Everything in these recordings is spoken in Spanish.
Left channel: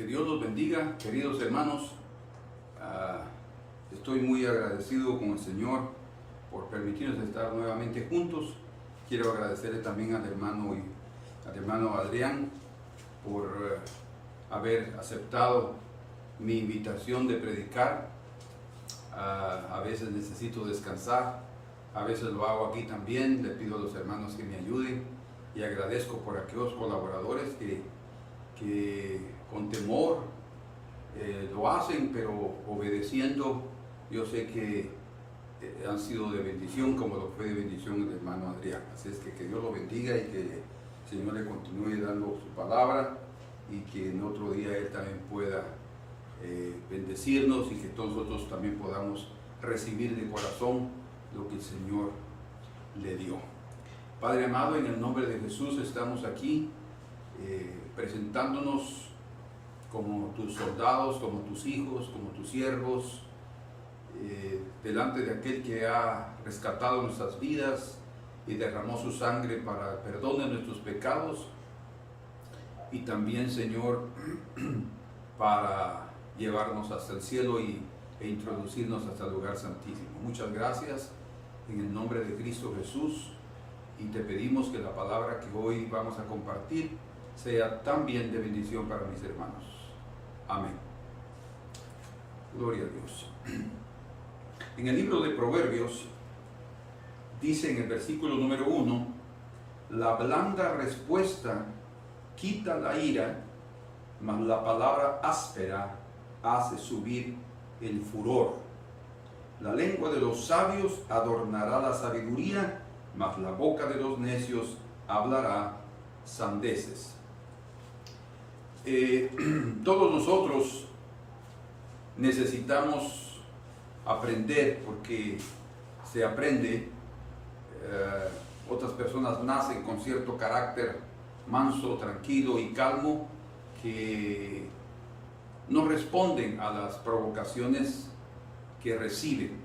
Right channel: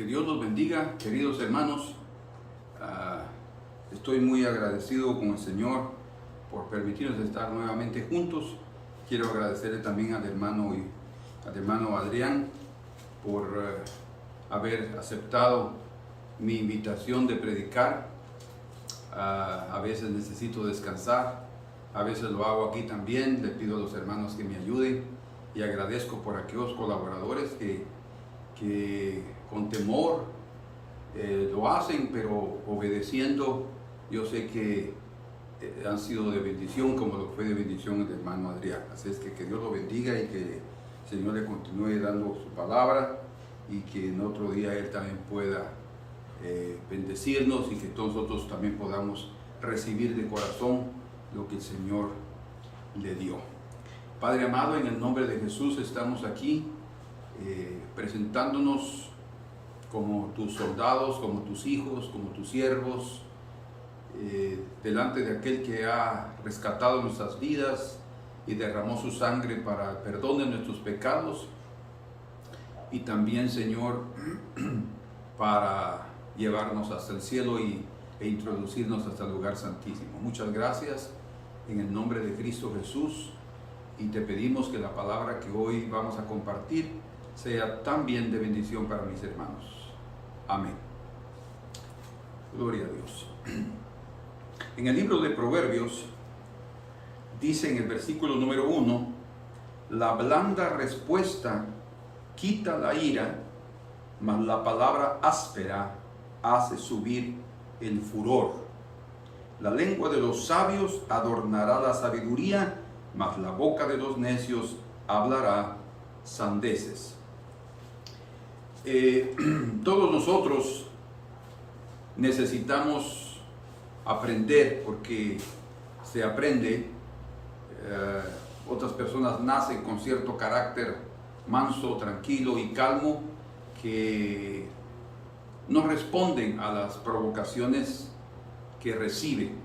Que Dios los bendiga, queridos hermanos. Estoy muy agradecido con el Señor por permitirnos estar nuevamente juntos. Quiero agradecerle también al hermano Adrián por haber aceptado mi invitación de predicar. A veces necesito descansar, a veces lo hago aquí también. Le pido a los hermanos que me ayuden y agradezco por aquellos colaboradores que con temor lo hacen, pero obedeciendo. Yo sé que han sido de bendición, como lo fue de bendición el hermano Adrián. Así es que Dios lo bendiga y que el Señor le continúe dando su palabra, y que en otro día Él también pueda bendecirnos, y que todos nosotros también podamos recibir de corazón lo que el Señor le dio. Padre amado, en el nombre de Jesús estamos aquí presentándonos como tus soldados, como tus hijos, como tus siervos, delante de aquel que ha rescatado nuestras vidas y derramó su sangre para el perdón de nuestros pecados, y también, Señor, para llevarnos hasta el cielo e introducirnos hasta el lugar santísimo. Muchas gracias en el nombre de Cristo Jesús, y te pedimos que la palabra que hoy vamos a compartir sea también de bendición para mis hermanos. Amén. Gloria a Dios. En el libro de Proverbios dice en el versículo número 1: la blanda respuesta quita la ira, mas la palabra áspera hace subir el furor. La lengua de los sabios adornará la sabiduría, mas la boca de los necios hablará sandeces. Todos nosotros necesitamos aprender, porque se aprende. Otras personas nacen con cierto carácter manso, tranquilo y calmo, que no responden a las provocaciones que reciben.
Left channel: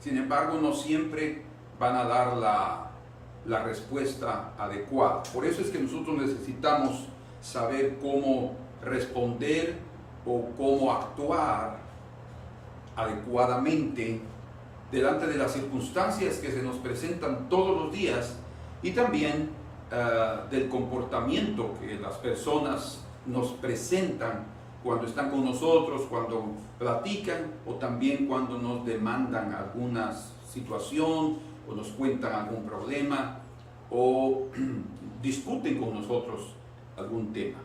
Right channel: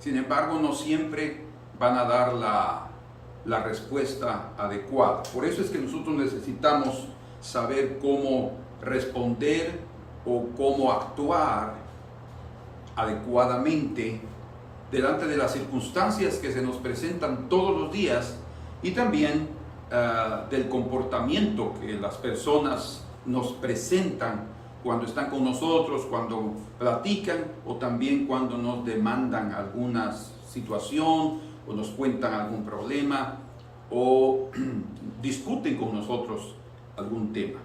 Sin embargo, no siempre van a dar la respuesta adecuada. Por eso es que nosotros necesitamos saber cómo responder o cómo actuar adecuadamente delante de las circunstancias que se nos presentan todos los días, y también del comportamiento que las personas nos presentan cuando están con nosotros, cuando platican, o también cuando nos demandan alguna situación o nos cuentan algún problema o discuten con nosotros algún tema.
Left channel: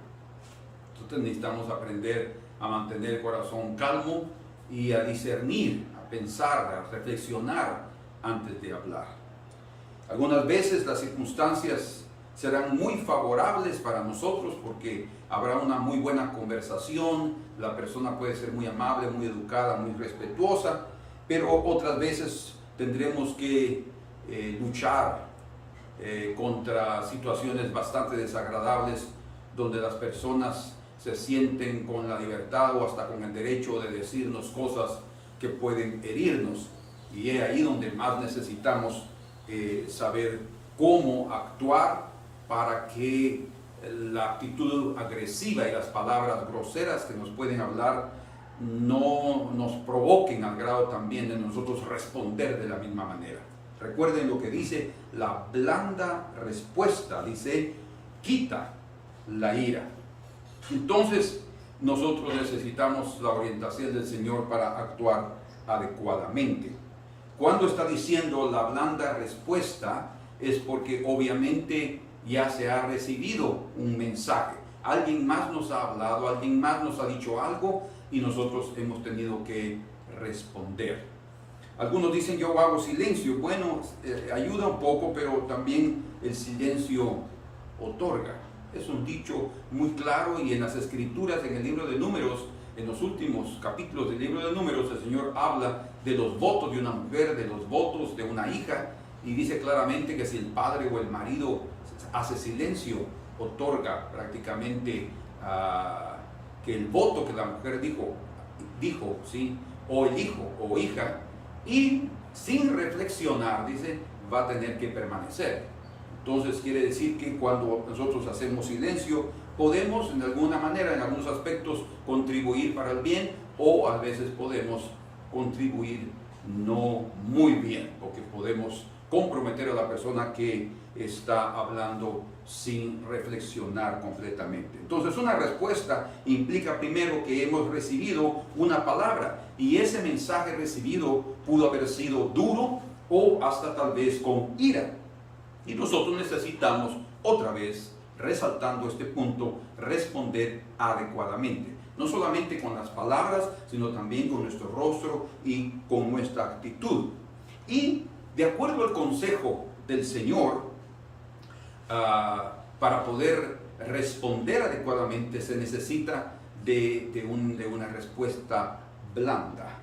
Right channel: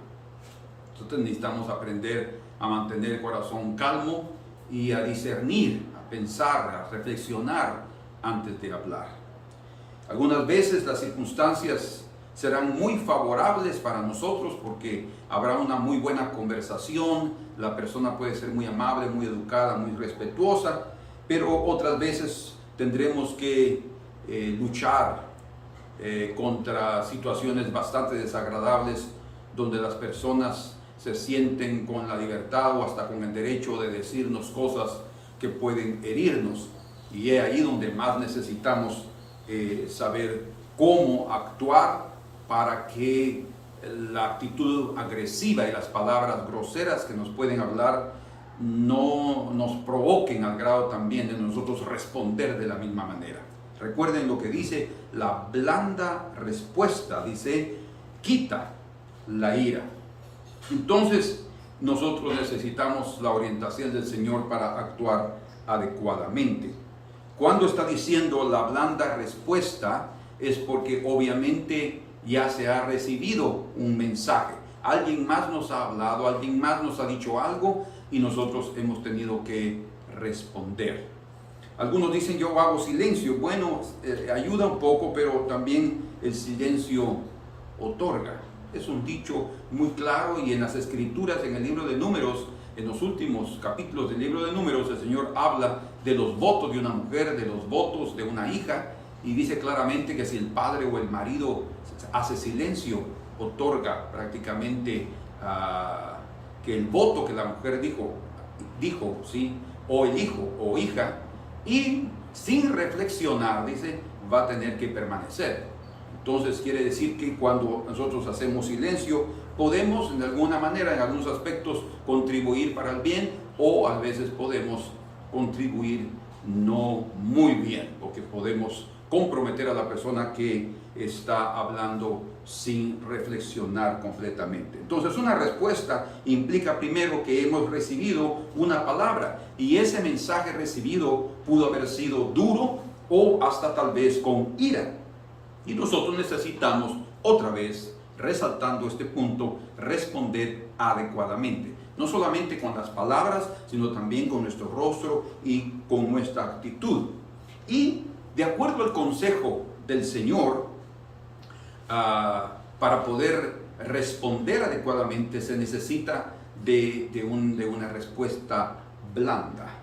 Nosotros necesitamos aprender a mantener el corazón calmo y a discernir, a pensar, a reflexionar antes de hablar. Algunas veces las circunstancias serán muy favorables para nosotros porque habrá una muy buena conversación, la persona puede ser muy amable, muy educada, muy respetuosa, pero otras veces tendremos que luchar contra situaciones bastante desagradables, donde las personas se sienten con la libertad o hasta con el derecho de decirnos cosas que pueden herirnos, y es ahí donde más necesitamos saber cómo actuar para que la actitud agresiva y las palabras groseras que nos pueden hablar no nos provoquen al grado también de nosotros responder de la misma manera. Recuerden lo que dice: la blanda respuesta, dice, quita la ira. Entonces nosotros necesitamos la orientación del Señor para actuar adecuadamente. Cuando está diciendo la blanda respuesta, es porque obviamente ya se ha recibido un mensaje. Alguien más nos ha hablado, alguien más nos ha dicho algo, y nosotros hemos tenido que responder. Algunos dicen: yo hago silencio. Bueno, ayuda un poco, pero también el silencio otorga. Es un dicho muy claro, y en las escrituras, en el libro de Números, en los últimos capítulos del libro de Números, el Señor habla de los votos de una mujer, de los votos de una hija, y dice claramente que si el padre o el marido hace silencio, otorga prácticamente que el voto que la mujer dijo, ¿sí? O el hijo o hija, y sin reflexionar, dice, va a tener que permanecer. Entonces quiere decir que cuando nosotros hacemos silencio, podemos en alguna manera, en algunos aspectos, contribuir para el bien, o a veces podemos contribuir no muy bien, porque podemos comprometer a la persona que está hablando sin reflexionar completamente. Entonces, una respuesta implica primero que hemos recibido una palabra, y ese mensaje recibido pudo haber sido duro o hasta tal vez con ira. Y nosotros necesitamos, otra vez, resaltando este punto, responder adecuadamente. No solamente con las palabras, sino también con nuestro rostro y con nuestra actitud. Y de acuerdo al consejo del Señor, para poder responder adecuadamente se necesita de una respuesta blanda.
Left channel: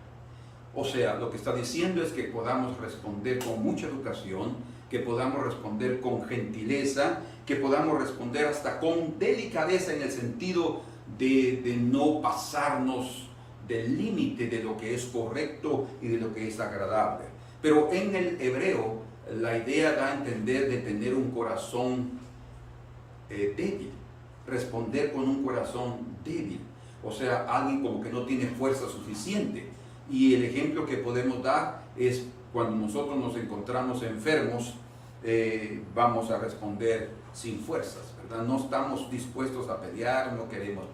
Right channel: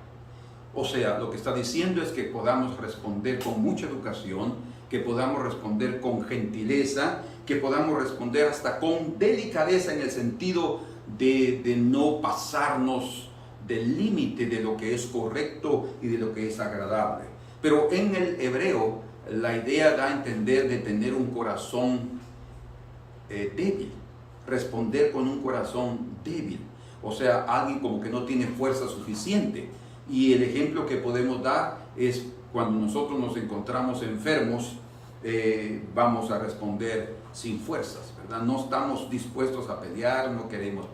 O sea, lo que está diciendo es que podamos responder con mucha educación, que podamos responder con gentileza, que podamos responder hasta con delicadeza, en el sentido de no pasarnos del límite de lo que es correcto y de lo que es agradable. Pero en el hebreo, la idea da a entender de tener un corazón débil, responder con un corazón débil, o sea, alguien como que no tiene fuerza suficiente. Y el ejemplo que podemos dar es cuando nosotros nos encontramos enfermos, vamos a responder sin fuerzas, ¿verdad? No estamos dispuestos a pelear, no queremos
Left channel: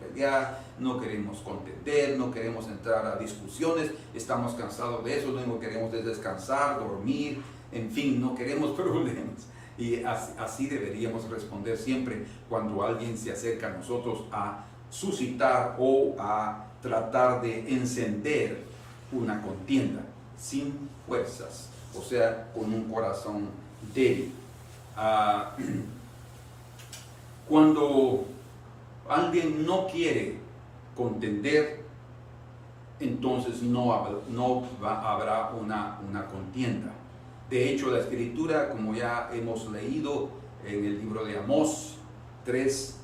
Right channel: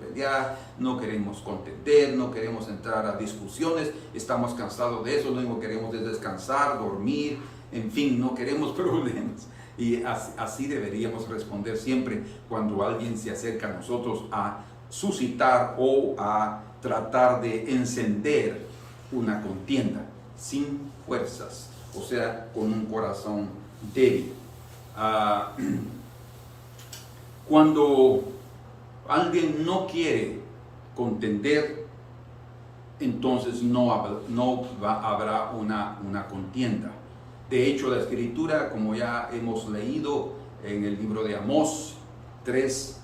contender, no queremos entrar a discusiones, estamos cansados de eso, lo único que queremos es descansar, dormir, en fin, no queremos problemas. Y así deberíamos responder siempre cuando alguien se acerca a nosotros a suscitar o a tratar de encender una contienda, sin fuerzas, o sea, con un corazón débil. Cuando alguien no quiere contender, entonces no habrá una contienda. De hecho, la Escritura, como ya hemos leído en el libro de Amós 3,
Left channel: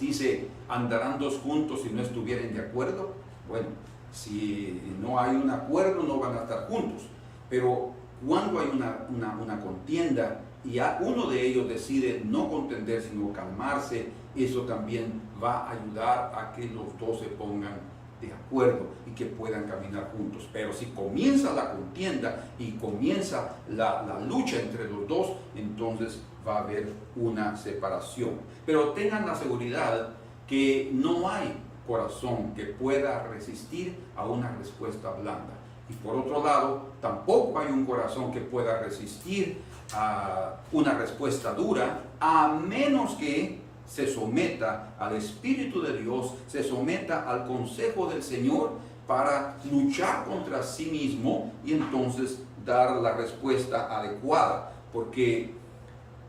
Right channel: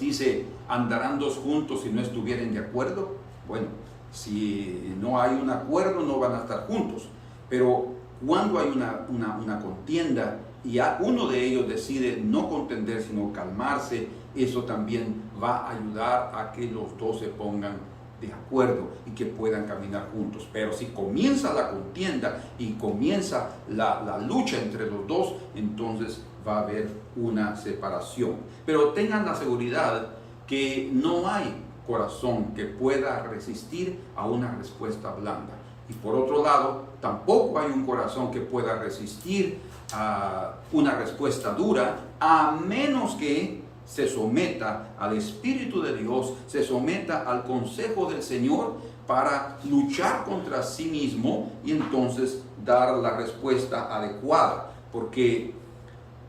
dice: ¿andarán dos juntos si no estuvieren de acuerdo? Bueno, si no hay un acuerdo, no van a estar juntos. Pero cuando hay una contienda y uno de ellos decide no contender, sino calmarse, eso también va a ayudar a que los dos se pongan de acuerdo y que puedan caminar juntos. Pero si comienza la contienda y comienza la lucha entre los dos, entonces va a haber una separación. Pero tengan la seguridad que no hay corazón que pueda resistir a una respuesta blanda. Y por otro lado, tampoco hay un corazón que pueda resistir a una respuesta dura, a menos que se someta al Espíritu de Dios, se someta al consejo del Señor para luchar contra sí mismo y entonces dar la respuesta adecuada. ¿Por qué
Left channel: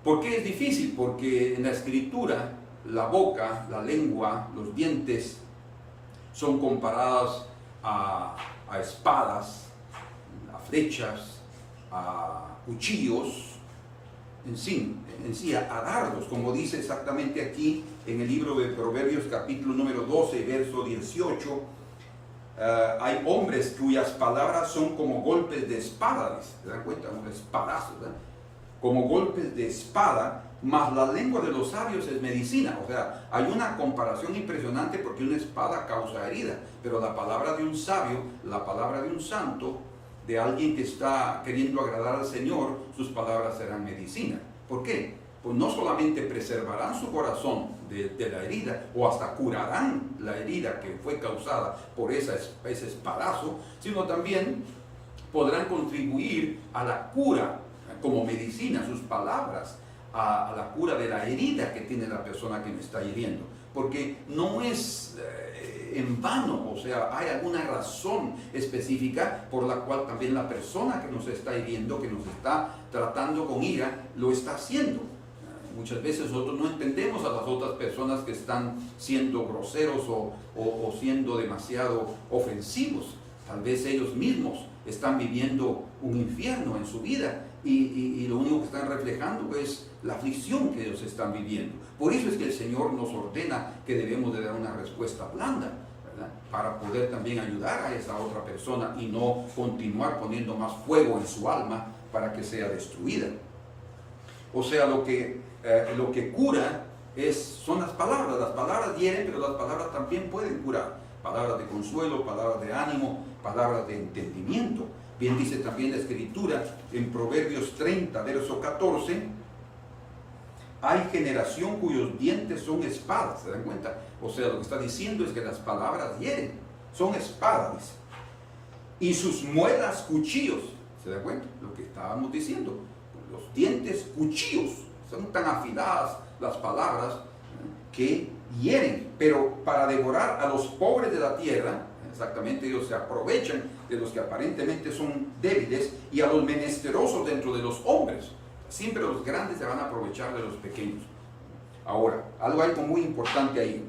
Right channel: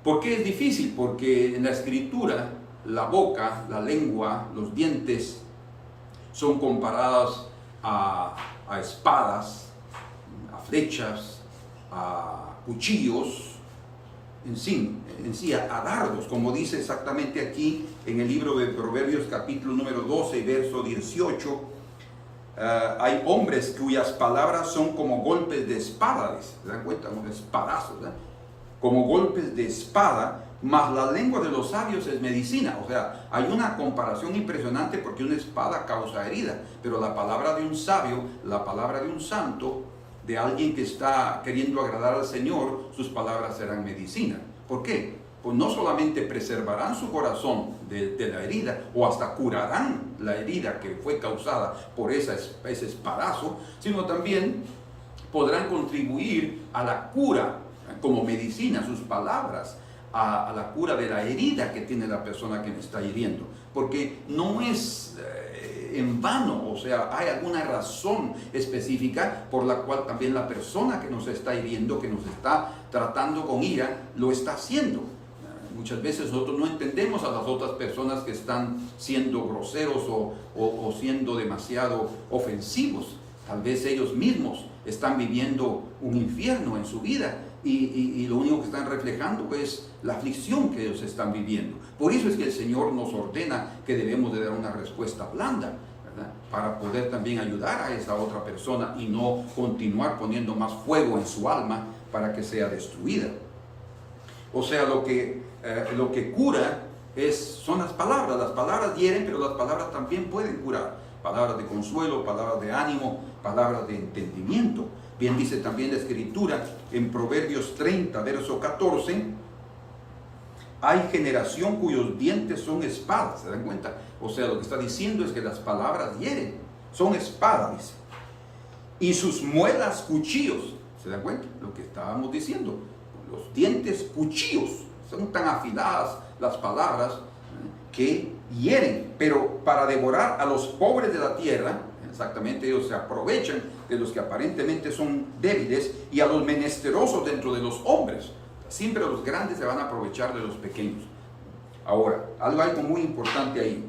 es difícil? Porque en la Escritura la boca, la lengua, los dientes son comparadas a espadas, a flechas, a cuchillos, en sí, a dardos, como dice exactamente aquí en el libro de Proverbios, capítulo número 12 y verso 18. Hay hombres cuyas palabras son como golpes de espada, ¿se dan cuenta? Unos espadazos, ¿eh? Como golpes de espada, mas la lengua de los sabios es medicina. O sea, hay una comparación impresionante, porque una espada causa herida, pero la palabra de un sabio, la palabra de un santo, de alguien que está queriendo agradar al Señor, sus palabras serán medicina. ¿Por qué? Pues no solamente preservarán su corazón de la herida, o hasta curarán la herida que fue causada por ese espadazo, sino también podrán contribuir a la cura como medicina, sus palabras, a la cura de la herida que tiene la persona que me está hiriendo. Porque no es en vano, o sea, hay alguna razón específica por la cual también la persona que nos está hiriendo, que nos está tratando con ira, lo está haciendo. Muchas veces nosotros no entendemos a las otras personas que están siendo groseros o siendo demasiado ofensivos. Tal vez ellos mismos están viviendo un infierno en su vida y lo único que están reflejando es la aflicción que ellos están viviendo. Por eso es que el Señor nos ordena que debemos de dar una respuesta blanda, ¿verdad? Para poder también ayudar a esa otra persona y no continuar poniendo más fuego en su alma para que sea destruida. O sea, lo que cura son las palabras. Las palabras hieren, pero las palabras también pueden curar. Palabras de consuelo, palabras de ánimo, palabras de entendimiento. Bien dice también la Escritura en Proverbios 30, verso 14, hay generación cuyos dientes son espadas, ¿se dan cuenta? O sea, lo que está diciendo es que las palabras hieren, son espadas, dice. Y sus muelas cuchillos, ¿se dan cuenta? Lo que estábamos diciendo, los dientes cuchillos, son tan afiladas las palabras que hieren, pero para devorar a los pobres de la tierra, exactamente, ellos se aprovechan de los que aparentemente son débiles y a los menesterosos dentro de los hombres. Siempre los grandes se van a aprovechar de los pequeños. Ahora, algo muy importante ahí.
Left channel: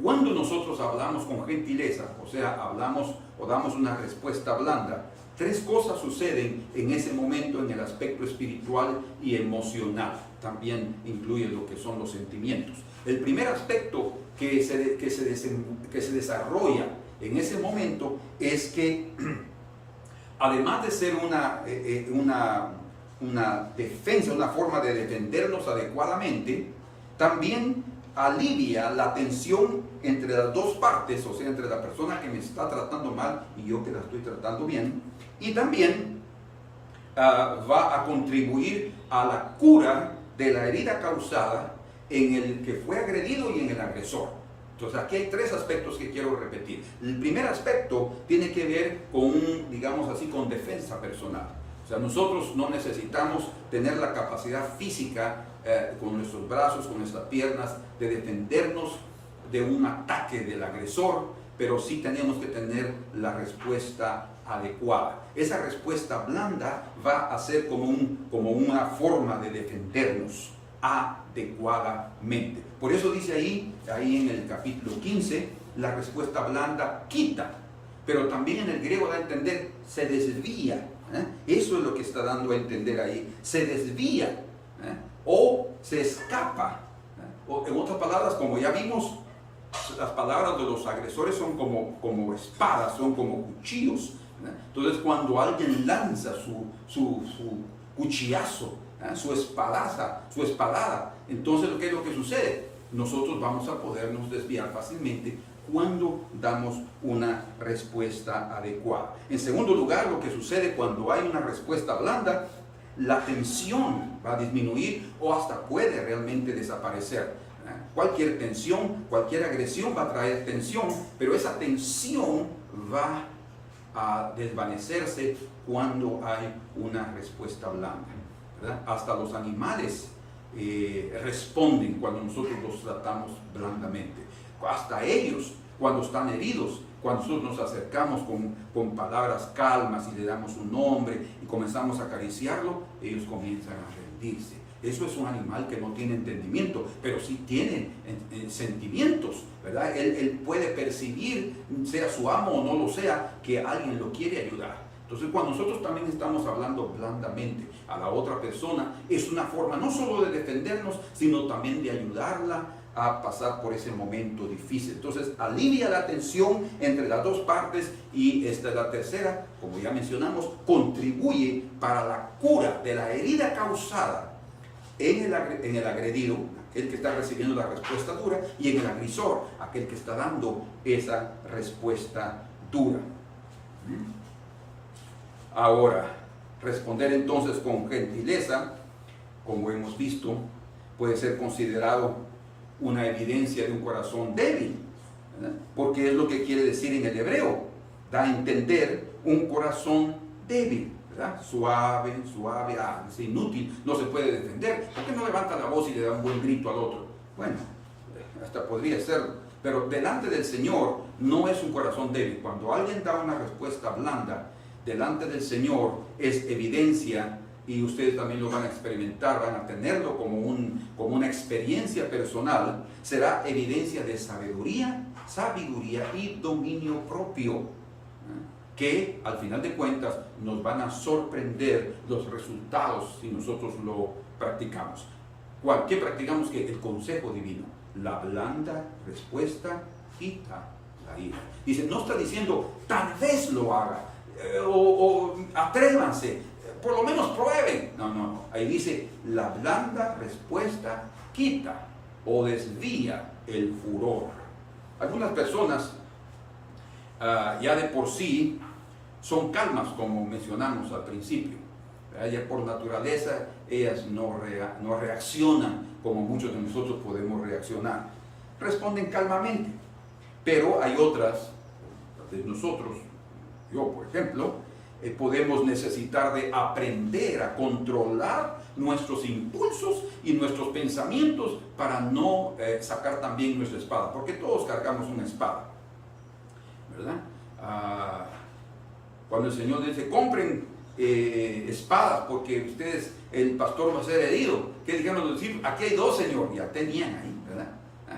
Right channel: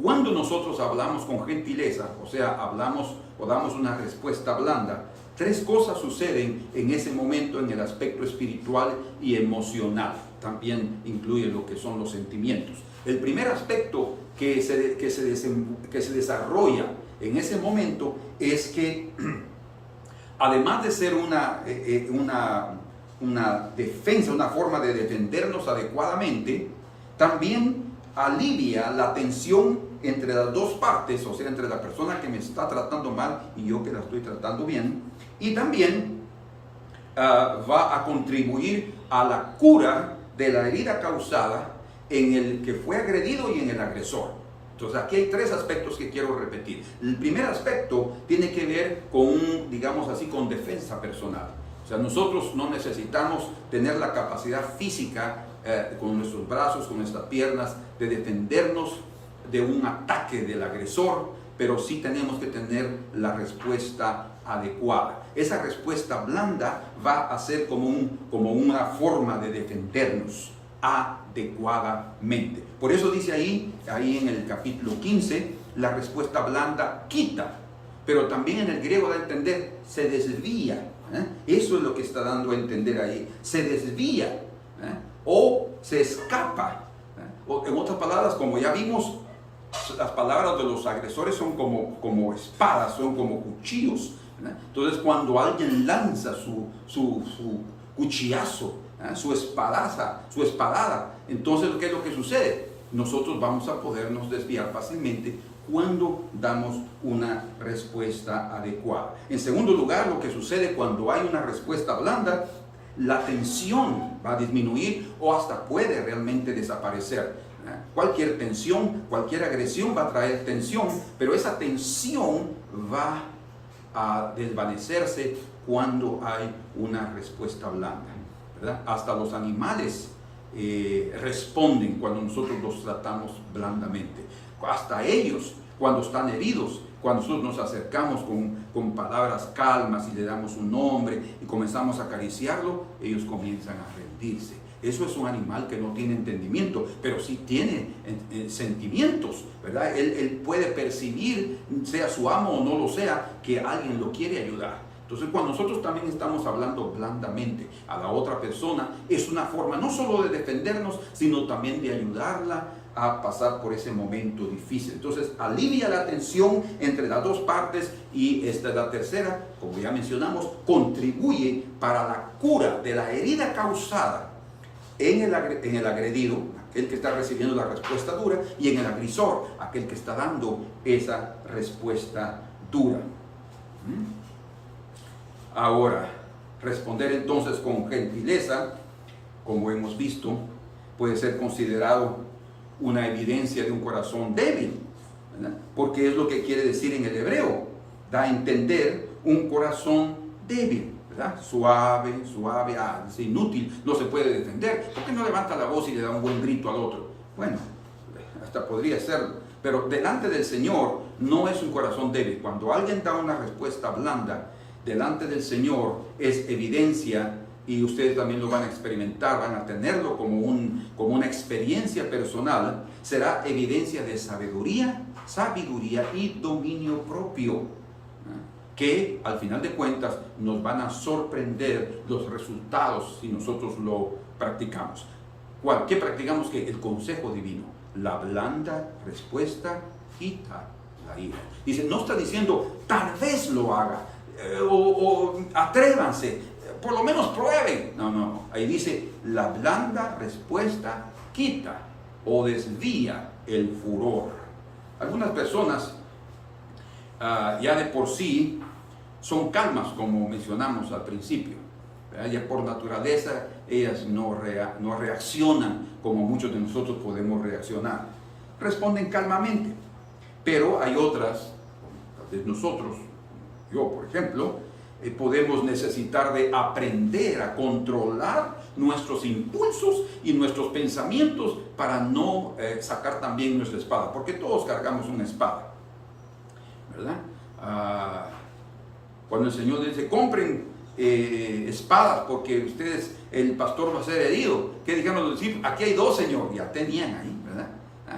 Cuando nosotros hablamos con gentileza, o sea, hablamos o damos una respuesta blanda, tres cosas suceden en ese momento en el aspecto espiritual y emocional. También incluye lo que son los sentimientos. El primer aspecto que se desarrolla en ese momento es que, además de ser una defensa, una forma de defendernos adecuadamente, también alivia la tensión entre las dos partes, o sea, entre la persona que me está tratando mal y yo que la estoy tratando bien, y también va a contribuir a la cura de la herida causada en el que fue agredido y en el agresor. Entonces aquí hay tres aspectos que quiero repetir. El primer aspecto tiene que ver con, digamos así, con defensa personal. O sea, nosotros no necesitamos tener la capacidad física con nuestros brazos, con nuestras piernas, de defendernos de un ataque del agresor, pero sí tenemos que tener la respuesta adecuada. Esa respuesta blanda va a ser como una forma de defendernos adecuadamente. Por eso dice ahí en el capítulo 15, la respuesta blanda quita, pero también en el griego da a entender, se desvía. Eso es lo que está dando a entender ahí, se desvía o se escapa. O, en otras palabras, como ya vimos, las palabras de los agresores son como espadas, son como cuchillos. Entonces, cuando alguien lanza su cuchillazo, su espadada, entonces, ¿qué es lo que sucede? Nosotros vamos a podernos desviar fácilmente cuando damos una respuesta adecuada. En segundo lugar, lo que sucede cuando hay una respuesta blanda, la tensión va a disminuir o hasta puede realmente desaparecer. Cualquier tensión, cualquier agresión va a traer tensión, pero esa tensión va a desvanecerse cuando hay una respuesta blanda, ¿verdad? Hasta los animales responden cuando nosotros los tratamos blandamente. Hasta ellos, cuando están heridos, cuando nosotros nos acercamos con palabras calmas y le damos un nombre y comenzamos a acariciarlo, ellos comienzan a rendirse. Eso es un animal que no tiene entendimiento, pero sí tiene sentimientos, ¿verdad? Él puede percibir, sea su amo o no lo sea, que alguien lo quiere ayudar. Entonces, cuando nosotros también estamos hablando blandamente a la otra persona, es una forma no solo de defendernos, sino también de ayudarla a pasar por ese momento difícil. Entonces, alivia la tensión entre las dos partes y esta es la tercera, como ya mencionamos, contribuye para la cura de la herida causada en el agredido, aquel que está recibiendo la respuesta dura, y en el agresor, aquel que está dando esa respuesta dura. Ahora, responder entonces con gentileza, como hemos visto, puede ser considerado una evidencia de un corazón débil, ¿verdad? Porque es lo que quiere decir en el hebreo, da a entender un corazón débil, ¿verdad? Suave, es inútil, no se puede defender. ¿Por qué no levanta la voz y le da un buen grito al otro? Bueno, hasta podría serlo, pero delante del Señor no es un corazón débil. Cuando alguien da una respuesta blanda delante del Señor, es evidencia, y ustedes también lo van a experimentar, van a tenerlo como una experiencia personal, será evidencia de sabiduría y dominio propio, que al final de cuentas nos van a sorprender los resultados si nosotros lo practicamos. ¿Qué practicamos? Que el consejo divino, la blanda respuesta quita la ira. Dice, no está diciendo tal vez lo haga, o atrévanse, por lo menos prueben. No. Ahí dice, la blanda respuesta quita o desvía el furor. Algunas personas ya de por sí son calmas, como mencionamos al principio. Ya por naturaleza ellas no reaccionan como muchos de nosotros podemos reaccionar. Responden calmamente. Pero hay otras, tal vez nosotros, yo por ejemplo, podemos necesitar de aprender a controlar nuestros impulsos y nuestros pensamientos para no sacar también nuestra espada, porque todos cargamos una espada, ¿verdad? Cuando el Señor dice, compren espadas porque ustedes, el pastor va a ser herido, ¿qué dijeron los discípulos? Aquí hay 2, Señor, ya tenían ahí, ¿verdad?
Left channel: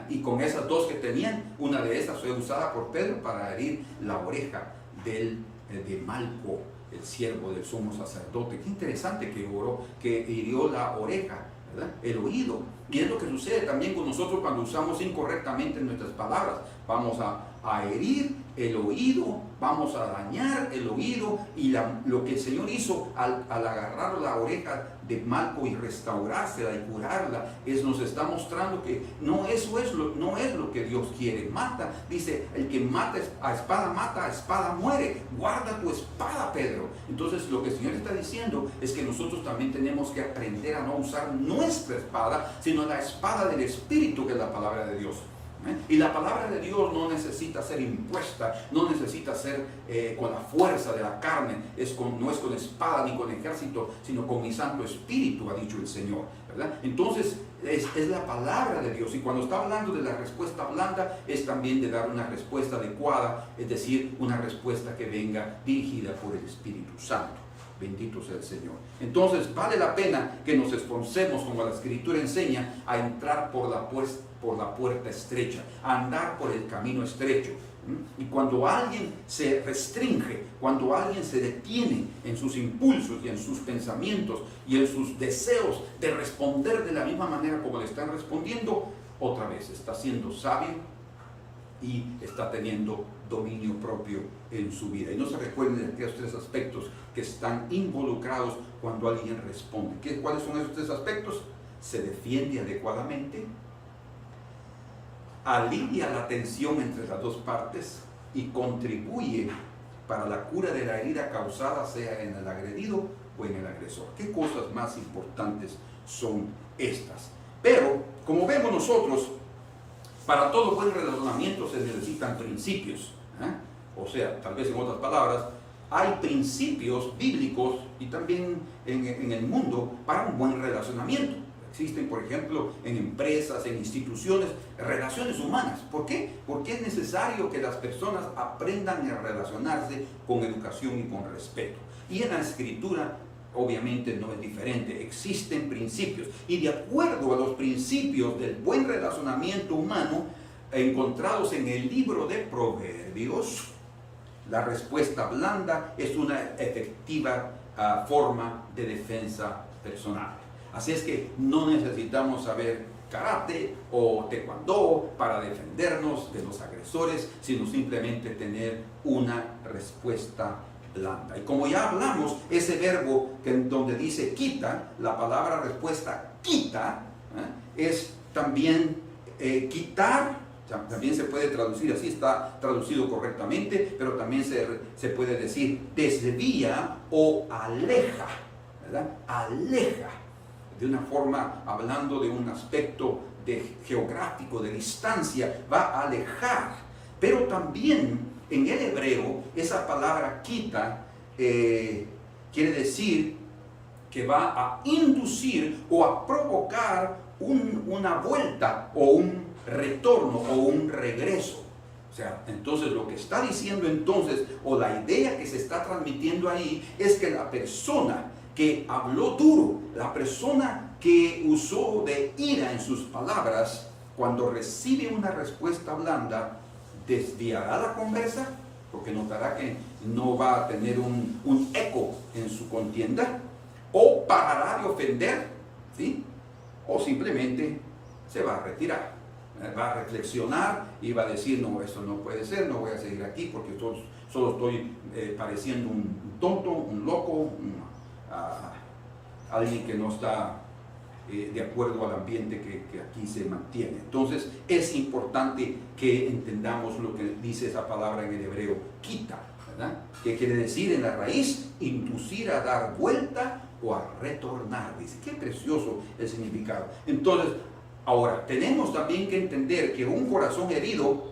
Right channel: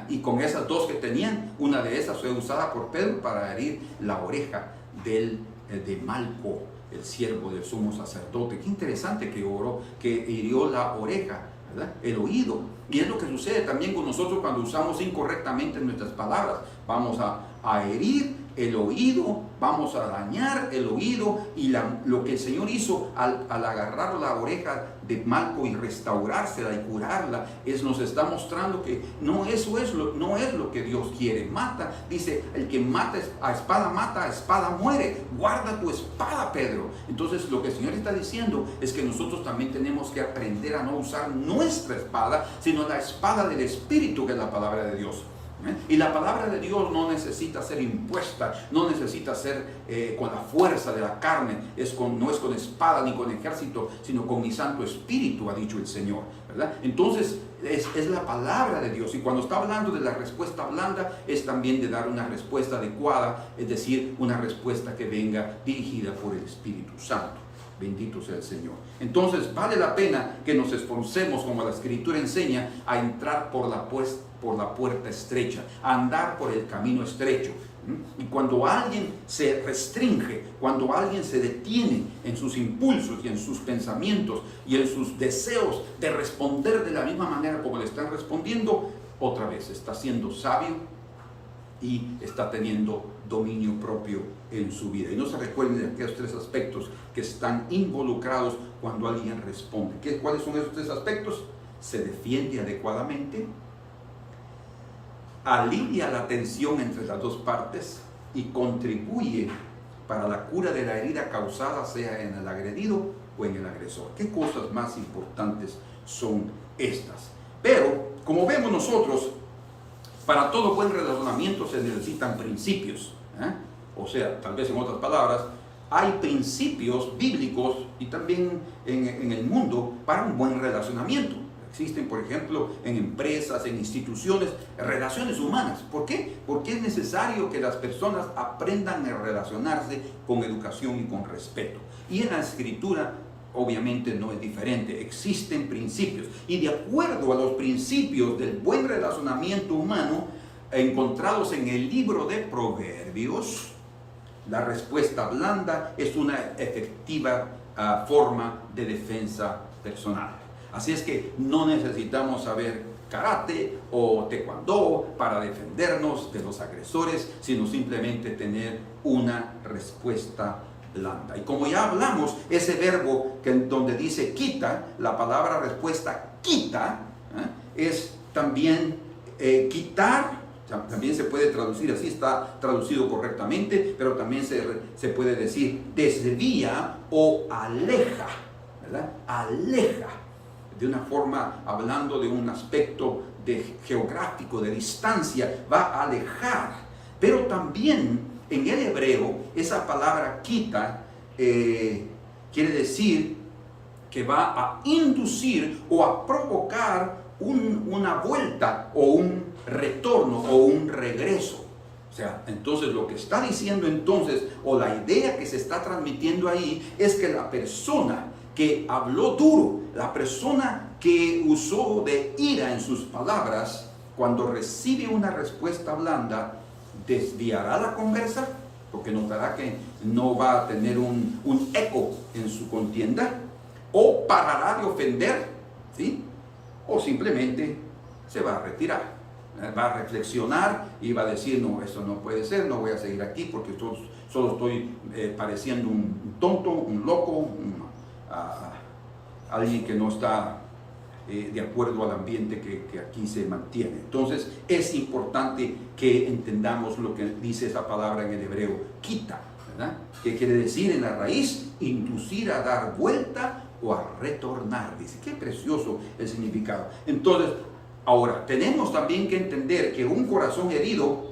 Y con esas 2 que tenían, una de esas fue usada por Pedro para herir la oreja de Malco, el siervo del sumo sacerdote. Qué interesante que oró, que hirió la oreja, ¿verdad? El oído. Y es lo que sucede también con nosotros cuando usamos incorrectamente nuestras palabras. Vamos a herir el oído, vamos a dañar el oído, y lo que el Señor hizo al agarrar la oreja de Malco y restaurársela y curarla, nos está mostrando que no es lo que Dios quiere. Mata, dice, el que mata a espada muere. Guarda tu espada, Pedro. Entonces lo que el Señor está diciendo es que nosotros también tenemos que aprender a no usar nuestra espada, sino la espada del Espíritu, que es la palabra de Dios. Y la palabra de Dios no necesita ser impuesta, no necesita ser con la fuerza de la carne, no es con espada ni con ejército, sino con mi Santo Espíritu, ha dicho el Señor, ¿verdad? Entonces es la palabra de Dios, y cuando está hablando de la respuesta blanda, es también de dar una respuesta adecuada, es decir, una respuesta que venga dirigida por el Espíritu Santo. Bendito sea el Señor. Entonces vale la pena que nos esforcemos, como la Escritura enseña, a entrar por la puerta estrecha, a andar por el camino estrecho. Y cuando alguien se restringe, cuando alguien se detiene en sus impulsos y en sus pensamientos y en sus deseos de responder de la misma manera como le están respondiendo, otra vez está siendo sabio y está teniendo dominio propio en su vida. Y no se recuerden de aquellos 3 aspectos que están involucrados cuando alguien responde. ¿Cuáles son esos 3 aspectos? Se defiende adecuadamente, alivia la tensión entre las 2 partes y contribuye para la cura de la herida causada, sea en el agredido o en el agresor. ¿Qué cosas más importantes son estas? Pero, como vemos nosotros, para todo buen relacionamiento se necesitan principios. O sea, tal vez en otras palabras, hay principios bíblicos y también en el mundo para un buen relacionamiento. Existen, por ejemplo, en empresas, en instituciones, relaciones humanas. ¿Por qué? Porque es necesario que las personas aprendan a relacionarse con educación y con respeto. Y en la Escritura, obviamente, no es diferente. Existen principios. Y de acuerdo a los principios del buen relacionamiento humano, encontrados en el libro de Proverbios, la respuesta blanda es una efectiva forma de defensa personal. Así es que no necesitamos saber karate o taekwondo para defendernos de los agresores, sino simplemente tener una respuesta blanda. Y como ya hablamos, ese verbo donde dice quita, la palabra respuesta quita, es también quitar. También se puede traducir así, está traducido correctamente, pero también se puede decir desvía o aleja, ¿verdad? Aleja, de una forma, hablando de un aspecto geográfico, de distancia, va a alejar. Pero también en el hebreo, esa palabra quita quiere decir que va a inducir o a provocar una vuelta o un retorno o un regreso. O sea, entonces lo que está diciendo entonces, o la idea que se está transmitiendo ahí, es que la persona que habló duro, la persona que usó de ira en sus palabras, cuando recibe una respuesta blanda, desviará la conversa, porque notará que no va a tener un eco en su contienda, o parará de ofender, ¿sí? O simplemente se va a retirar. Va a reflexionar y va a decir, no, esto no puede ser, no voy a seguir aquí porque solo estoy pareciendo un tonto, un loco, alguien que no está de acuerdo al ambiente que aquí se mantiene. Entonces es importante que entendamos lo que dice esa palabra en el hebreo, quita, ¿verdad? Que quiere decir en la raíz, inducir a dar vuelta o a retornar. Dice, qué precioso el significado. Entonces, ahora, tenemos también que entender que un corazón herido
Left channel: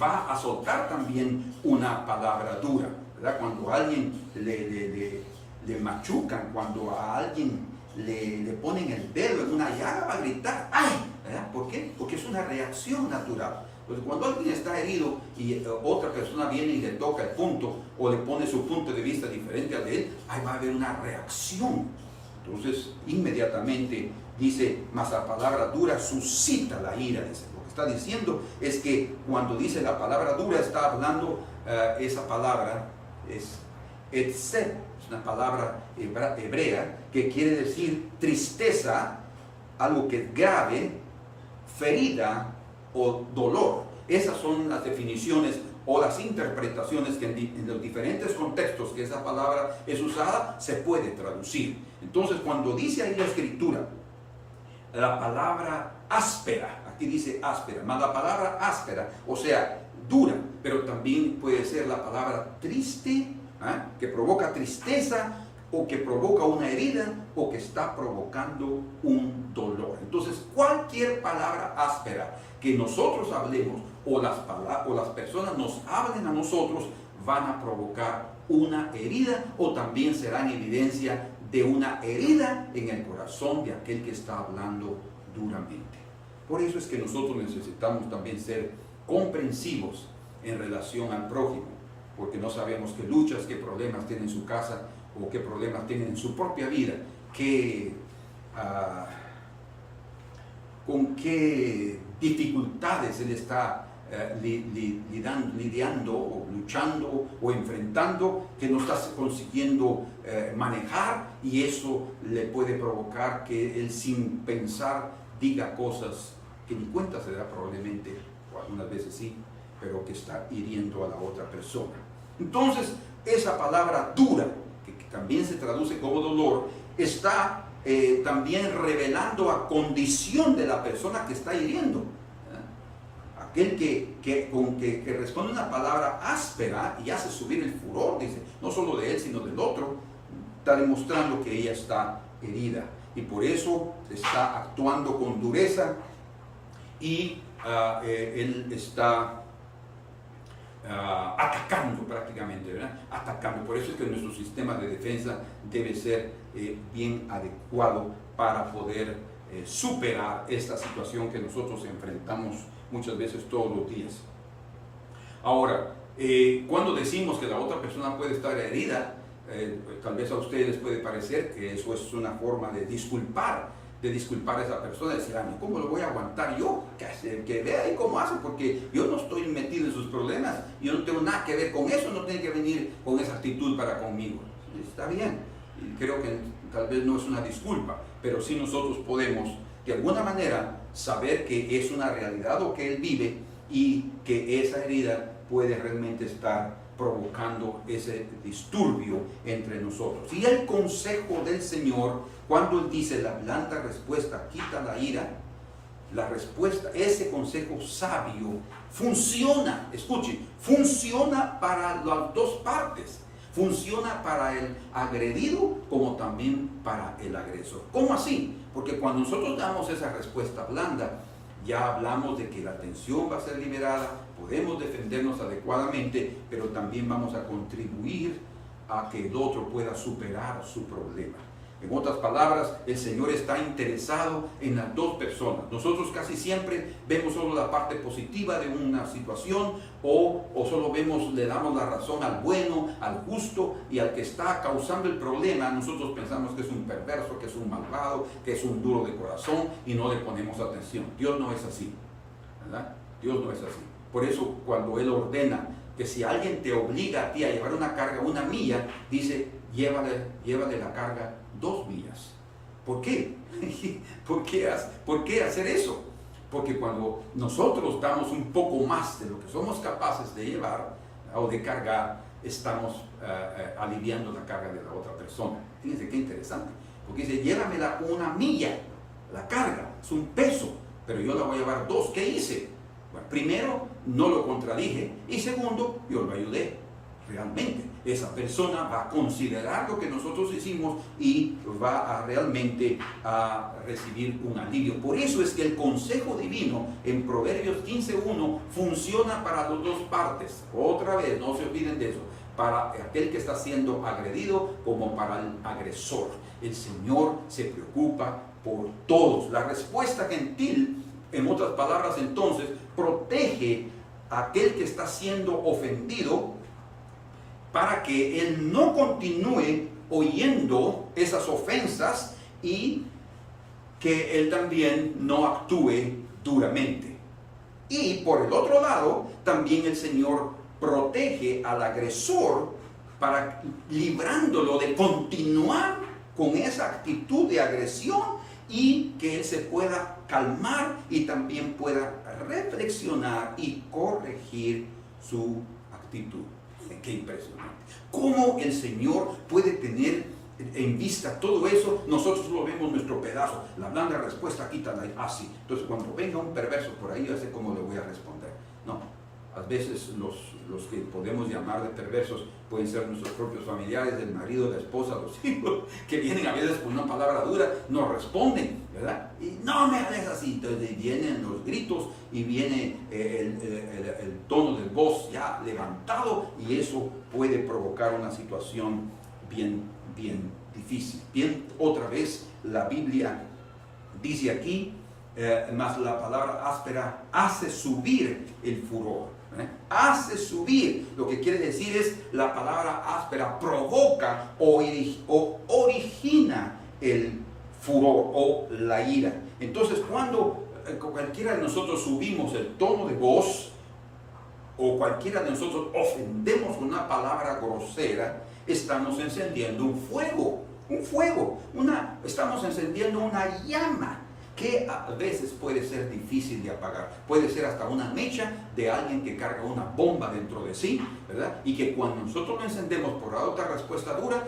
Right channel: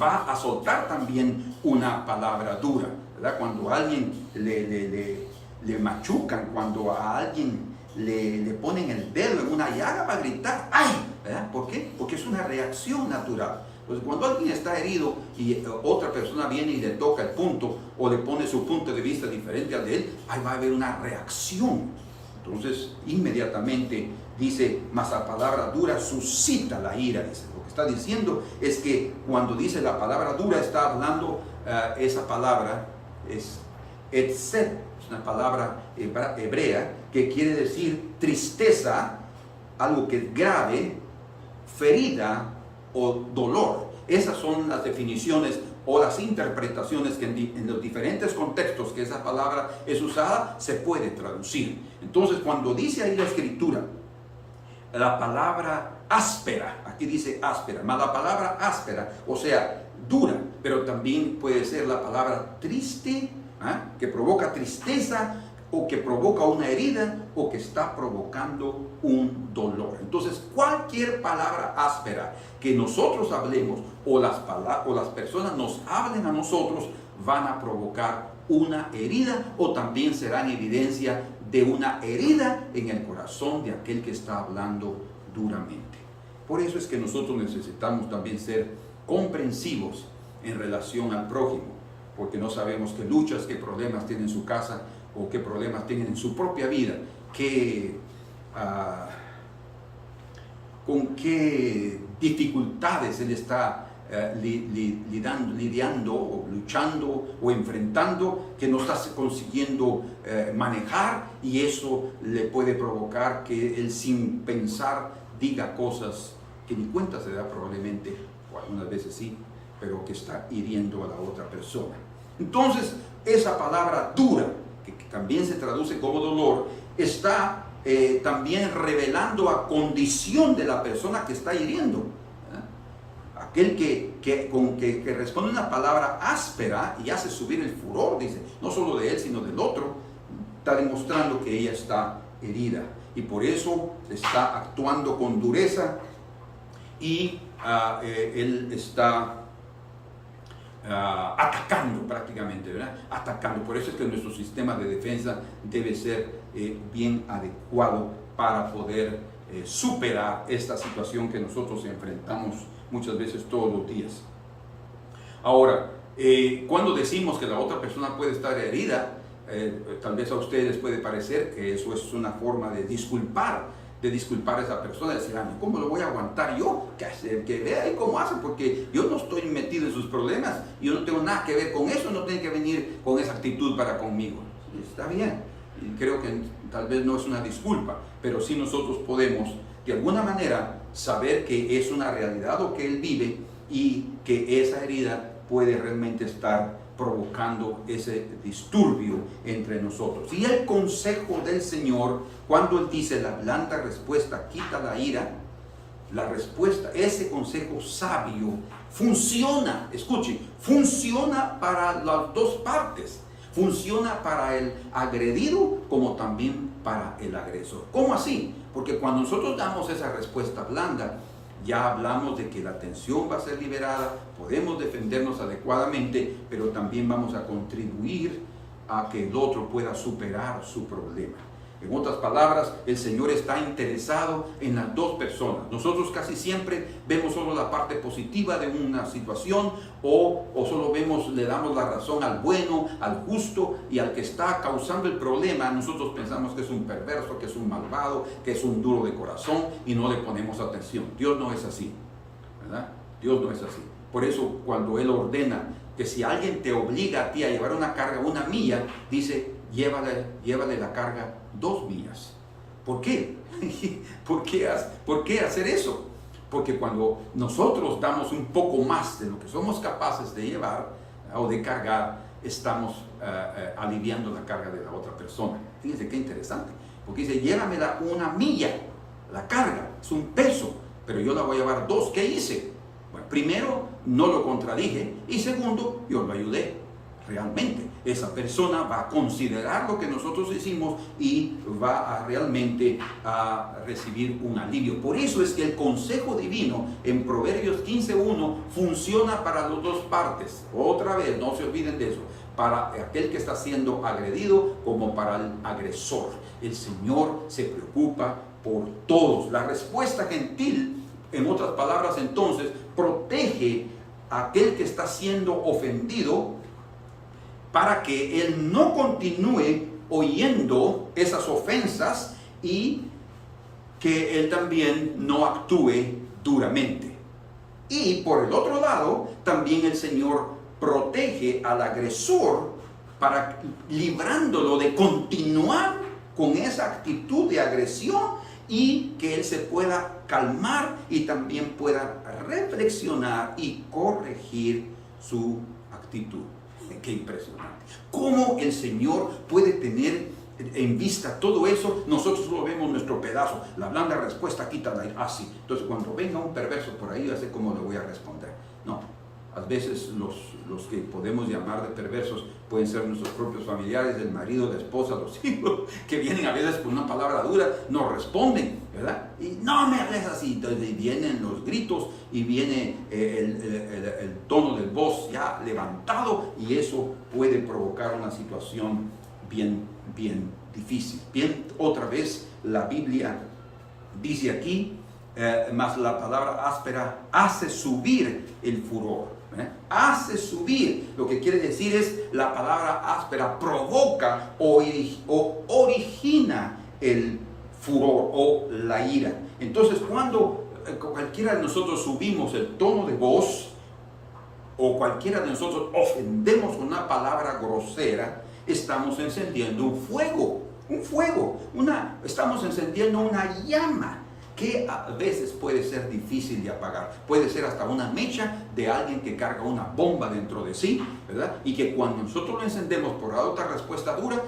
va a soltar también una palabra dura, ¿verdad? Cuando a alguien le machucan, cuando a alguien le ponen el dedo en una llaga, va a gritar, ¡ay! ¿Verdad? ¿Por qué? Porque es una reacción natural. Entonces, cuando alguien está herido y otra persona viene y le toca el punto o le pone su punto de vista diferente al de él, ahí va a haber una reacción. Entonces, inmediatamente dice, mas la palabra dura suscita la ira, dice. Lo que está diciendo es que cuando dice la palabra dura, está hablando, esa palabra es etzet, es una palabra hebrea que quiere decir tristeza, algo que es grave, ferida o dolor. Esas son las definiciones o las interpretaciones que en los diferentes contextos que esa palabra es usada se puede traducir. Entonces, cuando dice ahí la escritura la palabra áspera, aquí dice áspera, más la palabra áspera, o sea, dura, pero también puede ser la palabra triste, que provoca tristeza, o que provoca una herida, o que está provocando un dolor. Entonces, cualquier palabra áspera que nosotros hablemos, o las personas nos hablen a nosotros, van a provocar una herida, o también serán evidencia de una herida en el corazón de aquel que está hablando duramente. Por eso es que nosotros necesitamos también ser comprensivos en relación al prójimo, porque no sabemos qué luchas, qué problemas tiene en su casa, o qué problemas tienen en su propia vida, con qué dificultades él está lidiando o luchando o enfrentando, que no está consiguiendo manejar, y eso le puede provocar que él sin pensar diga cosas que ni cuenta se da probablemente, o algunas veces sí, pero que está hiriendo a la otra persona. Entonces, esa palabra dura, que también se traduce como dolor, está también revelando a condición de la persona que está hiriendo. Aquel que responde una palabra áspera y hace subir el furor, dice, no solo de él, sino del otro, está demostrando que ella está herida. Y por eso está actuando con dureza y él está atacando prácticamente, ¿verdad? Atacando. Por eso es que nuestro sistema de defensa debe ser bien adecuado para poder superar esta situación que nosotros enfrentamos muchas veces todos los días. Ahora, cuando decimos que la otra persona puede estar herida, tal vez a ustedes les puede parecer que eso es una forma de disculpar a esa persona, decir, ¿cómo lo voy a aguantar yo? Que vea ahí cómo hace, porque yo no estoy metido en sus problemas, yo no tengo nada que ver con eso, no tiene que venir con esa actitud para conmigo. Está bien, y creo que tal vez no es una disculpa, pero sí nosotros podemos de alguna manera saber que es una realidad o que él vive, y que esa herida puede realmente estar provocando ese disturbio entre nosotros. Y el consejo del Señor, cuando Él dice la blanda respuesta quita la ira, la respuesta, ese consejo sabio funciona, escuchen, funciona para las dos partes. Funciona para el agredido como también para el agresor. ¿Cómo así? Porque cuando nosotros damos esa respuesta blanda, ya hablamos de que la tensión va a ser liberada, podemos defendernos adecuadamente, pero también vamos a contribuir a que el otro pueda superar su problema. En otras palabras, el Señor está interesado en las dos personas. Nosotros casi siempre vemos solo la parte positiva de una situación, o solo le damos la razón al bueno, al justo, y al que está causando el problema nosotros pensamos que es un perverso, que es un malvado, que es un duro de corazón, y no le ponemos atención. Dios no es así, ¿verdad? Dios no es así. Por eso cuando Él ordena que si alguien te obliga a ti a llevar una carga 1 milla, dice, llévale la carga 2 millas. ¿Por qué? ¿Por qué hacer eso? Porque cuando nosotros damos un poco más de lo que somos capaces de llevar o de cargar, estamos aliviando la carga de la otra persona. Fíjense qué interesante, porque dice, llévamela 1 milla. la carga, es un peso, pero yo la voy a llevar 2. ¿Qué hice? Bueno, primero, no lo contradije, y segundo, yo lo ayudé. Realmente, esa persona va a considerar lo que nosotros hicimos y va a realmente a recibir un alivio. Por eso es que el consejo divino en Proverbios 15:1 funciona para las dos partes. Otra vez, no se olviden de eso. Para aquel que está siendo agredido como para el agresor. El Señor se preocupa por todos. La respuesta gentil, en otras palabras, entonces, protege a aquel que está siendo ofendido para que él no continúe oyendo esas ofensas y que él también no actúe duramente. Y por el otro lado, también el Señor protege al agresor para librándolo de continuar con esa actitud de agresión y que él se pueda calmar y también pueda reflexionar y corregir su actitud. Qué impresionante. ¿Cómo el Señor puede tener en vista todo eso? Nosotros lo vemos nuestro pedazo. La blanda respuesta quítala así. Entonces cuando venga un perverso por ahí, ya sé cómo le voy a responder. No. A veces los que podemos llamar de perversos pueden ser nuestros propios familiares, el marido, la esposa, los hijos, que vienen a veces con una palabra dura, nos responden, ¿verdad? Y no me hables así. Entonces vienen los gritos y viene el tono de voz ya levantado, y eso puede provocar una situación bien difícil. Bien, otra vez la Biblia dice aquí, más la palabra áspera hace subir el furor. Hace subir, lo que quiere decir es la palabra áspera provoca o origina el furor o la ira. Entonces cuando cualquiera de nosotros subimos el tono de voz o cualquiera de nosotros ofendemos una palabra grosera, estamos encendiendo un fuego, estamos encendiendo una llama que a veces puede ser difícil de apagar. Puede ser hasta una mecha de alguien que carga una bomba dentro de sí, ¿verdad? Y que cuando nosotros lo encendemos por otra respuesta dura,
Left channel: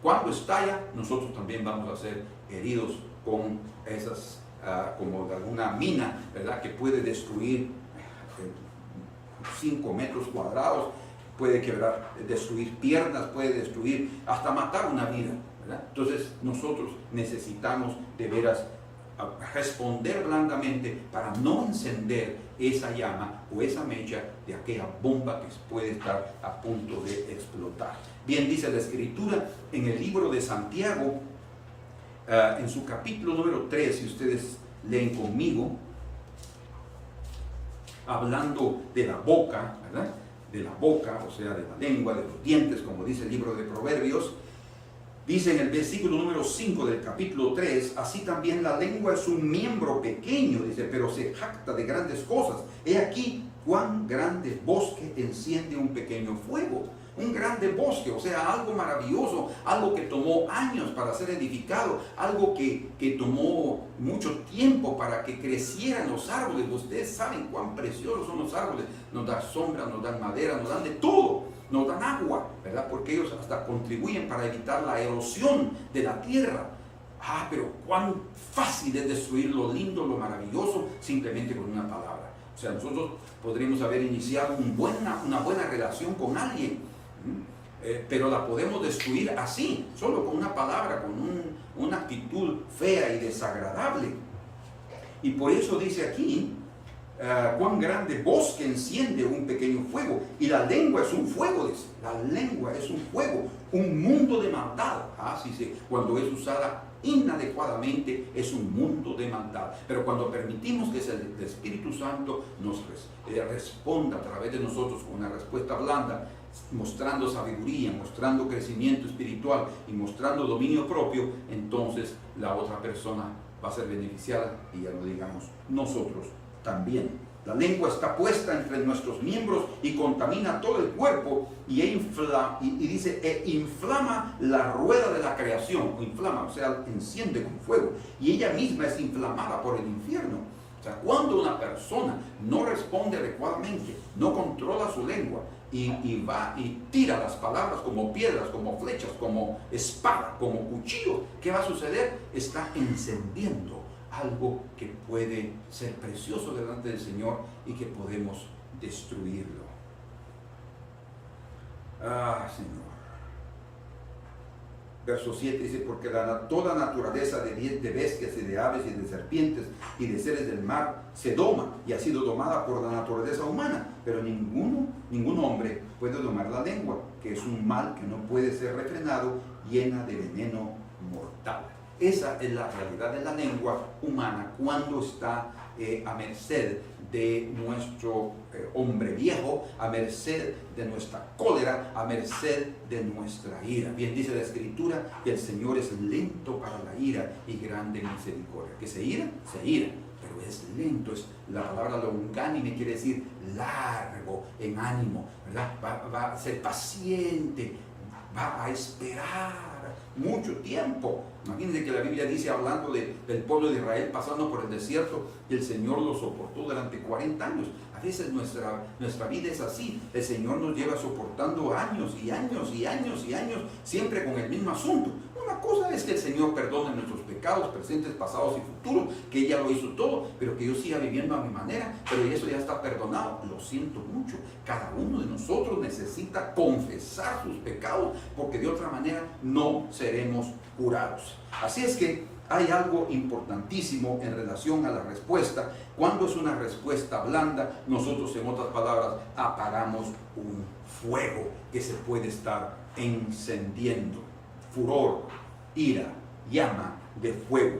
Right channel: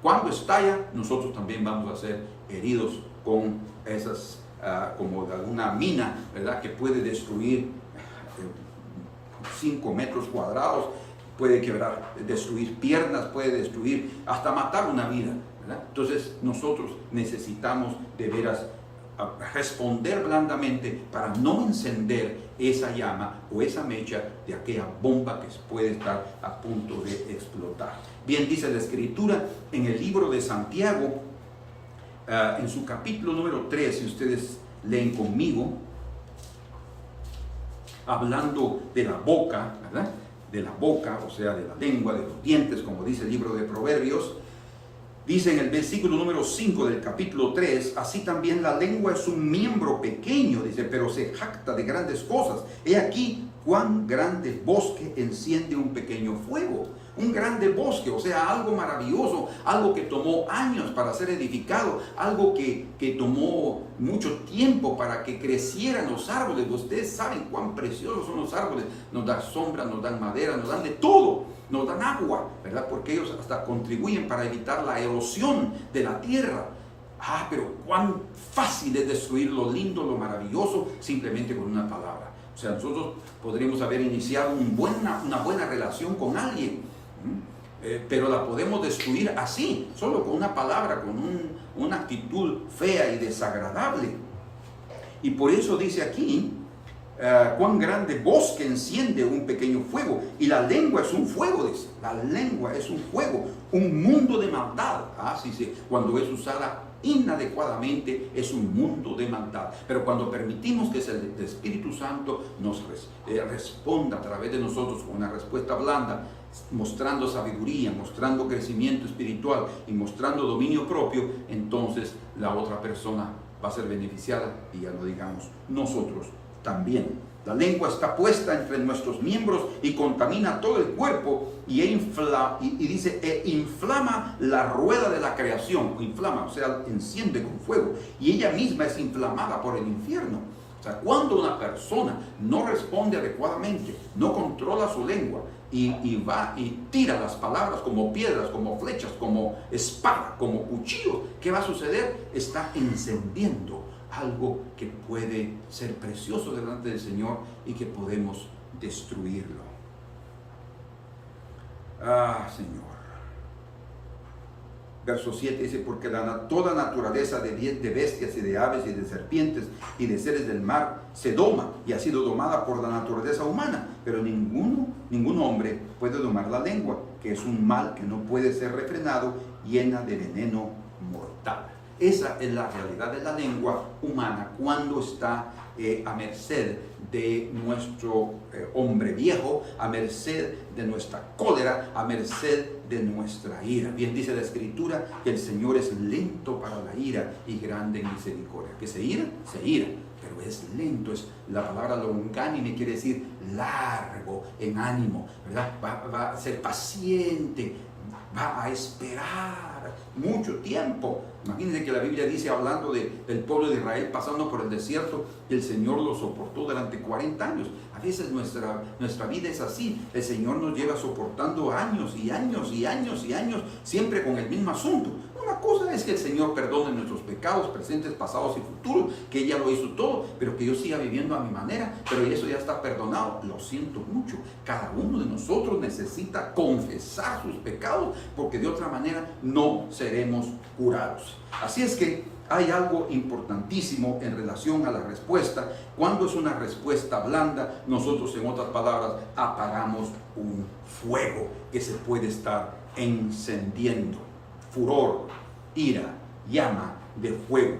cuando estalla, nosotros también vamos a ser heridos con esas, como de alguna mina, ¿verdad? Que puede destruir 5 metros cuadrados, puede quebrar, destruir piernas, puede destruir, hasta matar una vida, ¿verdad? Entonces nosotros necesitamos de veras responder blandamente para no encender esa llama o esa mecha de aquella bomba que puede estar a punto de explotar. Bien, dice la Escritura en el libro de Santiago, en su capítulo número 3, si ustedes leen conmigo, hablando de la boca, ¿verdad? De la boca, o sea, de la lengua, de los dientes, como dice el libro de Proverbios. Dice en el versículo número 5 del capítulo 3, así también la lengua es un miembro pequeño, dice, pero se jacta de grandes cosas. He aquí cuán grande bosque enciende un pequeño fuego. Un grande bosque, o sea, algo maravilloso, algo que tomó años para ser edificado, algo que tomó mucho tiempo para que crecieran los árboles. Ustedes saben cuán preciosos son los árboles. Nos dan sombra, nos dan madera, nos dan de todo. Nos dan agua, ¿verdad? Porque ellos hasta contribuyen para evitar la erosión de la tierra. Pero cuán fácil es destruir lo lindo, lo maravilloso, simplemente con una palabra. O sea, nosotros podríamos haber iniciado una buena relación con alguien, pero la podemos destruir así, solo con una palabra, con una actitud fea y desagradable. Y por eso dice aquí, cuán grande bosque enciende un pequeño fuego. Y la lengua es un fuego, dice. La lengua es un fuego, un mundo de maldad. Sí, cuando es usada inadecuadamente es un mundo de maldad. Pero cuando permitimos que el Espíritu Santo nos responda a través de nosotros con una respuesta blanda, mostrando sabiduría, mostrando crecimiento espiritual y mostrando dominio propio, entonces la otra persona va a ser beneficiada, y ya lo digamos nosotros también. La lengua está puesta entre nuestros miembros y contamina todo el cuerpo y inflama la rueda de la creación, o sea, enciende con fuego, y ella misma es inflamada por el infierno. O sea, cuando una persona no responde adecuadamente, no controla su lengua y va y tira las palabras como piedras, como flechas, como espada, como cuchillo, ¿qué va a suceder? Está encendiendo algo que puede ser precioso delante del Señor y que podemos destruirlo. Señor. Verso 7 dice, porque toda naturaleza de bestias y de aves y de serpientes y de seres del mar se doma y ha sido domada por la naturaleza humana, pero ningún hombre puede domar la lengua, que es un mal que no puede ser refrenado, llena de veneno mortal. Esa es la realidad de la lengua humana cuando está a merced de nuestro hombre viejo, a merced de nuestra cólera, a merced de nuestra ira. Bien dice la Escritura que el Señor es lento para la ira y grande en misericordia. Que se ira, pero es lento. Es la palabra longánime, quiere decir largo en ánimo, ¿verdad? Va a ser paciente, va a esperar mucho tiempo. Imagínense que la Biblia dice, hablando del pueblo de Israel pasando por el desierto, que el Señor lo soportó durante 40 años. A veces nuestra vida es así. El Señor nos lleva soportando años y años y años y años, siempre con el mismo asunto. Una cosa es que el Señor perdone nuestros pecados presentes, pasados y futuros, que ella lo hizo todo, pero que yo siga viviendo a mi manera, pero eso ya está perdonado. Lo siento mucho. Cada uno de nosotros necesita confesar sus pecados, porque de otra manera no seremos curados. Así es que hay algo importantísimo en relación a la respuesta. Cuando es una respuesta blanda, nosotros, en otras palabras, apagamos un fuego que se puede estar encendiendo. Furor, ira, llama de fuego.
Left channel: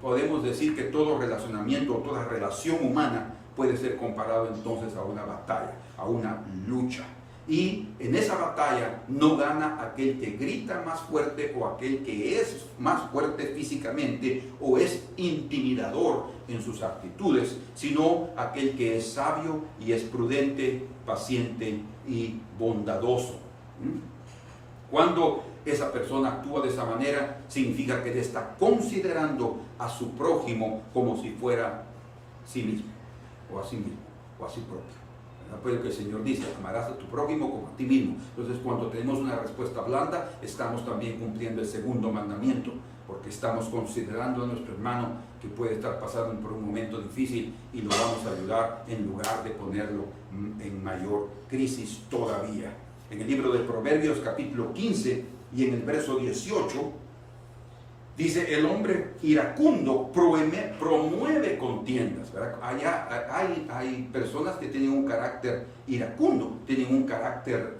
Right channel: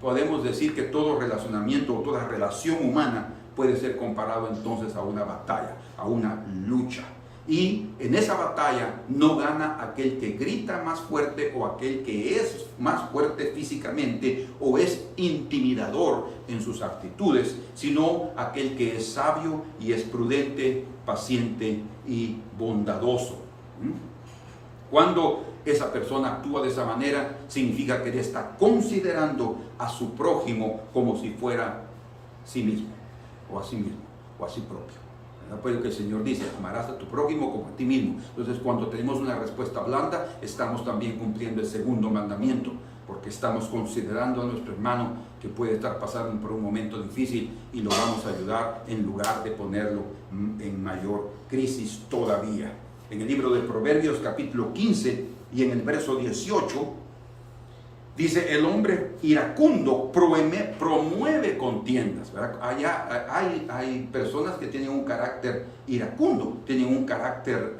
Podemos decir que todo relacionamiento o toda relación humana puede ser comparado entonces a una batalla, a una lucha. Y en esa batalla no gana aquel que grita más fuerte o aquel que es más fuerte físicamente o es intimidador en sus actitudes, sino aquel que es sabio y es prudente, paciente y bondadoso. Cuando esa persona actúa de esa manera, significa que él está considerando a su prójimo como si fuera sí mismo, o a sí mismo, o a sí propio. Pues lo que el Señor dice, amarás a tu prójimo como a ti mismo. Entonces, cuando tenemos una respuesta blanda, estamos también cumpliendo el segundo mandamiento, porque estamos considerando a nuestro hermano que puede estar pasando por un momento difícil y lo vamos a ayudar en lugar de ponerlo en mayor crisis todavía. En el libro de Proverbios capítulo 15 y en el verso 18 dice, el hombre iracundo promueve contiendas, ¿verdad? Allá hay personas que tienen un carácter iracundo, tienen un carácter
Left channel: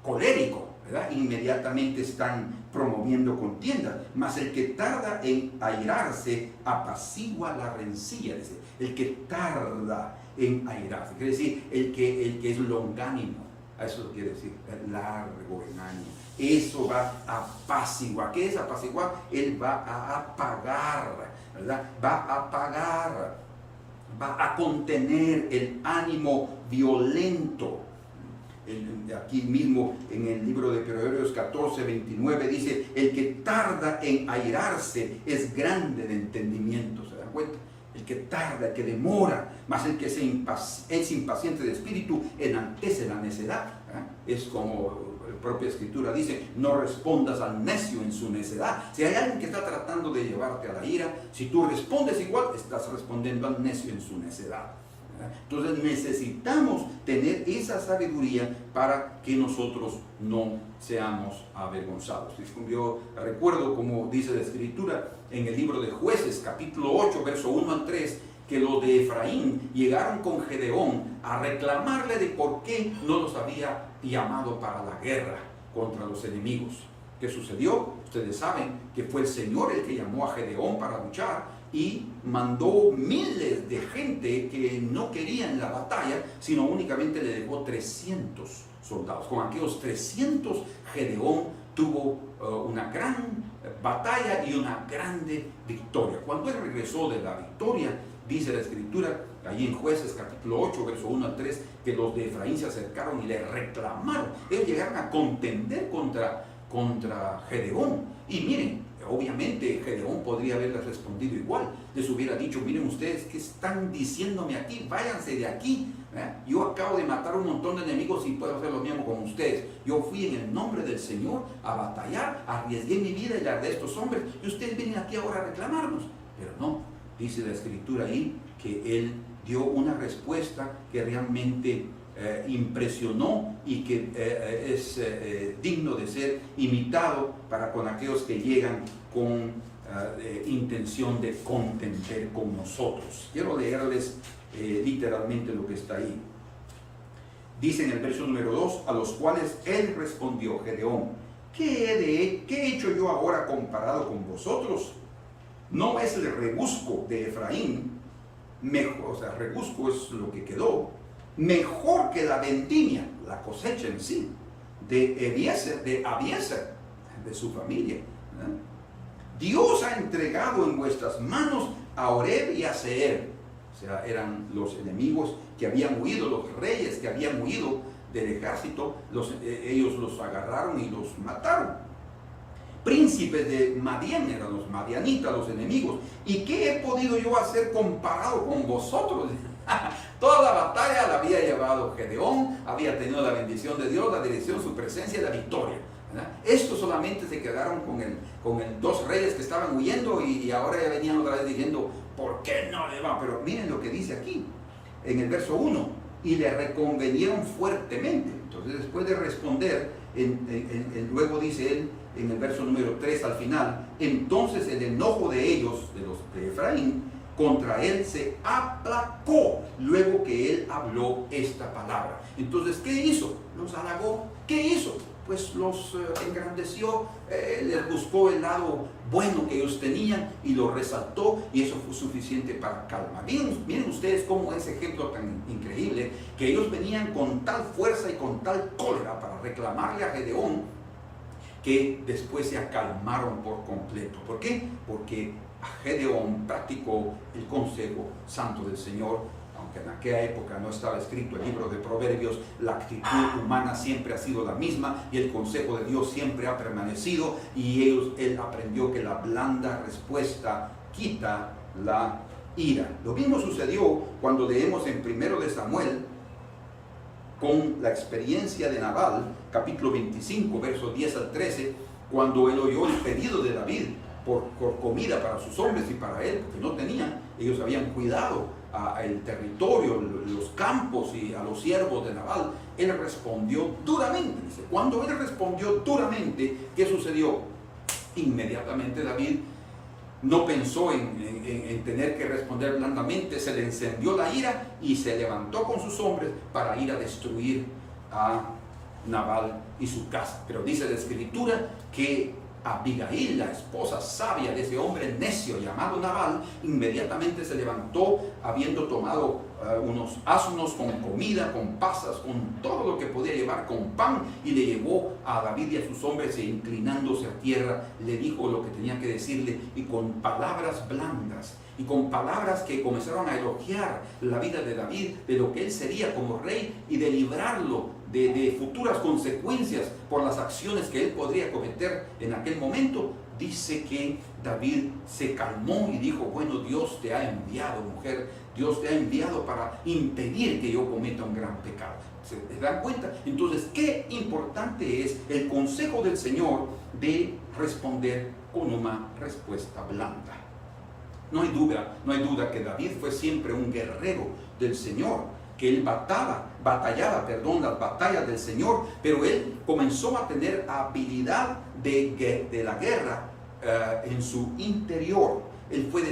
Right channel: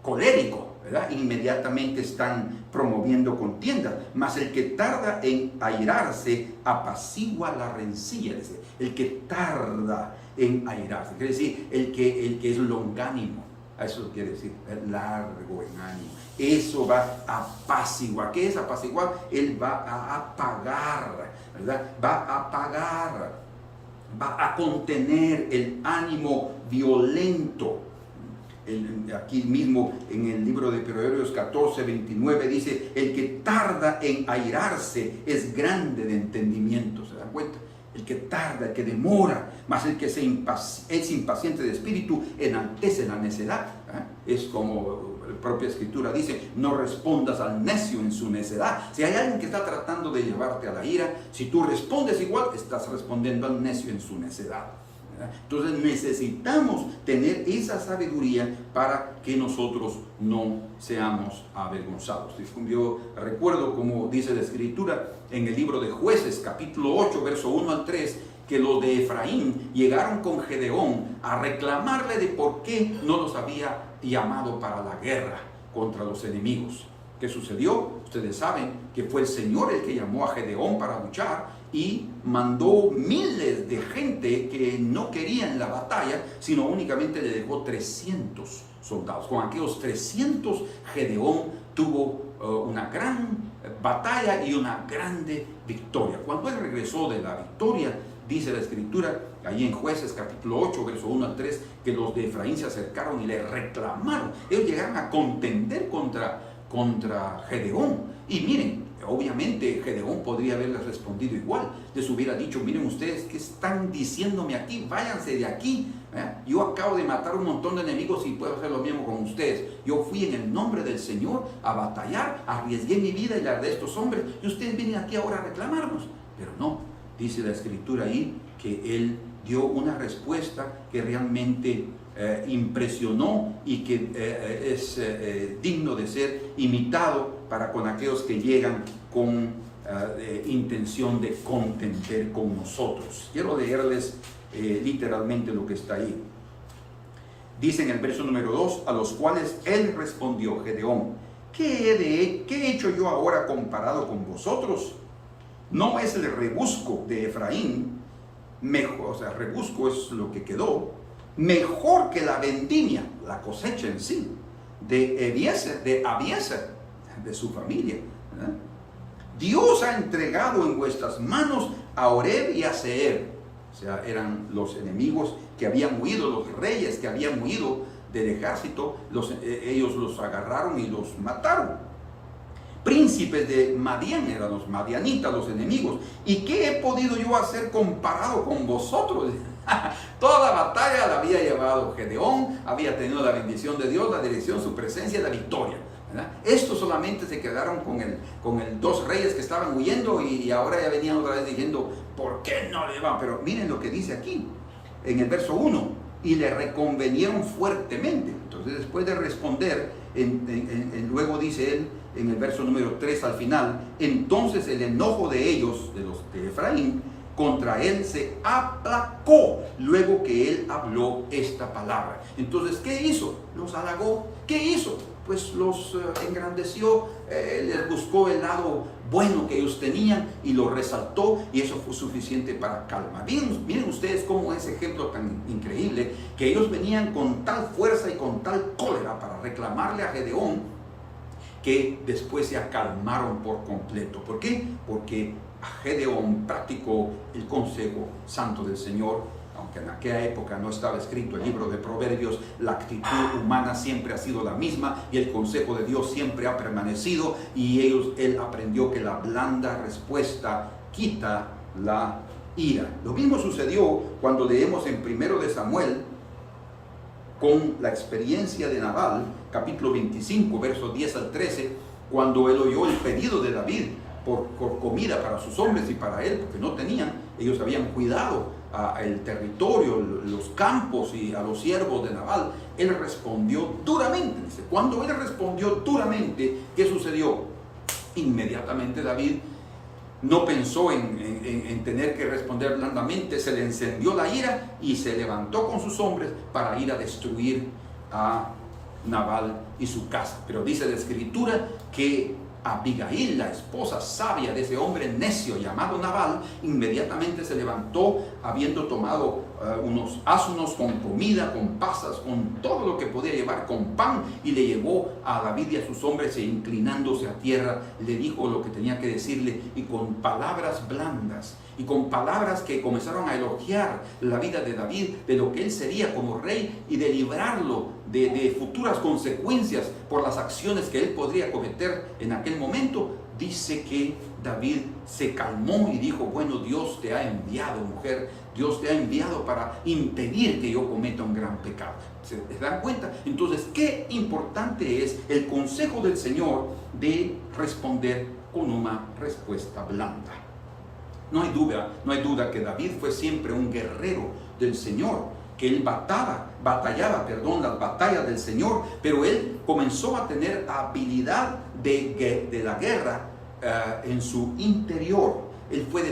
colérico, ¿verdad? Inmediatamente están promoviendo contiendas, mas el que tarda en airarse apacigua la rencilla. Dice, el que tarda en airarse, quiere decir el que es longánimo. Eso quiere decir largo en ánimo. Eso va a apaciguar. ¿Qué es apaciguar? Él va a apagar, ¿verdad? Va a apagar, va a contener el ánimo violento. Aquí mismo en el libro de Proverbios 14, 29 dice, el que tarda en airarse es grande de entendimiento. ¿Se dan cuenta? El que tarda, el que demora, más el que es impaciente de espíritu, enaltece la necedad. Es como la propia Escritura dice, no respondas al necio en su necedad. Si hay alguien que está tratando de llevarte a la ira, si tú respondes igual, estás respondiendo al necio en su necedad. Entonces necesitamos tener esa sabiduría para que nosotros no seamos avergonzados. Yo recuerdo, como dice la Escritura en el libro de Jueces capítulo 8 verso 1 al 3, que los de Efraín llegaron con Gedeón a reclamarle de por qué no los había llamado para la guerra contra los enemigos. ¿Qué sucedió? Ustedes saben que fue el Señor el que llamó a Gedeón para luchar y mandó miles de gente que no querían la batalla, sino únicamente le dejó 300 soldados. Con aquellos 300 Gedeón tuvo una gran batalla y una grande victoria. Cuando él regresó de la victoria, dice la Escritura, ahí en Jueces capítulo 8, verso 1 al 3, que los de Efraín se acercaron y le reclamaron. Ellos llegaron a contender contra Gedeón. Y miren, obviamente Gedeón podría haberles respondido igual. Les hubiera dicho, miren ustedes, ¿qué están diciéndome aquí? Váyanse de aquí. Yo acabo de matar un montón de enemigos y puedo hacer lo mismo con ustedes. Yo fui en el nombre del Señor a batallar, arriesgué mi vida y la de estos hombres, y ustedes vienen aquí ahora a reclamarnos. Pero no, dice la Escritura ahí que él dio una respuesta que realmente impresionó y que es digno de ser imitado para con aquellos que llegan con intención de contender con nosotros. Quiero leerles literalmente lo que está ahí. Dice en el verso número 2, a los cuales él respondió, Gedeón, ¿qué he hecho yo ahora comparado con vosotros? ¿No es el rebusco de Efraín mejor? O sea, rebusco es lo que quedó, mejor que la vendimia, la cosecha en sí, de Abiezer, de su familia. Dios ha entregado en vuestras manos a Oreb y a Seer. O sea, eran los enemigos que habían huido, los reyes que habían huido del ejército, ellos los agarraron y los mataron. Príncipes de Madián, eran los madianitas, los enemigos. ¿Y qué he podido yo hacer comparado con vosotros? Toda la batalla la había llevado Gedeón, había tenido la bendición de Dios, la dirección, su presencia y la victoria, ¿verdad? Estos solamente se quedaron con el dos reyes que estaban huyendo y ahora ya venían otra vez diciendo, ¿por qué no le van? Pero miren lo que dice aquí, en el verso 1, y le reconvenieron fuertemente. Entonces, después de responder, luego dice él, en el verso número 3 al final, entonces el enojo de ellos, de los de Efraín, contra él se aplacó luego que él habló esta palabra. Entonces, ¿qué hizo? Los halagó. ¿Qué hizo? Pues los engrandeció, les buscó el lado bueno que ellos tenían y lo resaltó, y eso fue suficiente para calma. Miren ustedes cómo es ejemplo tan increíble, que ellos venían con tal fuerza y con tal cólera para reclamarle a Gedeón, que después se acalmaron por completo. ¿Por qué? Porque Gedeón practicó el consejo santo del Señor. Aunque en aquella época no estaba escrito el libro de Proverbios, la actitud humana siempre ha sido la misma y el consejo de Dios siempre ha permanecido, y él aprendió que la blanda respuesta quita la ira. Lo mismo sucedió cuando leemos en 1 de Samuel con la experiencia de Nabal, capítulo 25, versos 10 al 13, cuando él oyó el pedido de David por comida para sus hombres y para él, porque no tenían. Ellos habían cuidado el territorio, los campos y a los siervos de Nabal. Él respondió duramente. Dice, cuando él respondió duramente, ¿qué sucedió? Inmediatamente David no pensó en tener que responder blandamente, se le encendió la ira y se levantó con sus hombres para ir a destruir a Nabal y su casa. Pero dice la Escritura que Abigail, la esposa sabia de ese hombre necio llamado Nabal, inmediatamente se levantó, habiendo tomado unos asnos con comida, con pasas, con todo lo que podía llevar, con pan, y le llevó a David y a sus hombres, e inclinándose a tierra le dijo lo que tenía que decirle, y con palabras blandas y con palabras que comenzaron a elogiar la vida de David, de lo que él sería como rey y de librarlo de futuras consecuencias por las acciones que él podría cometer en aquel momento. Dice que David se calmó y dijo, bueno, Dios te ha enviado, mujer, Dios te ha enviado para impedir que yo cometa un gran pecado. ¿Se dan cuenta? Entonces, qué importante es el consejo del Señor de responder con una respuesta blanda. No hay duda que David fue siempre un guerrero del Señor, que él batallaba las batallas del Señor, pero él comenzó a tener habilidad de la guerra en su interior. Él fue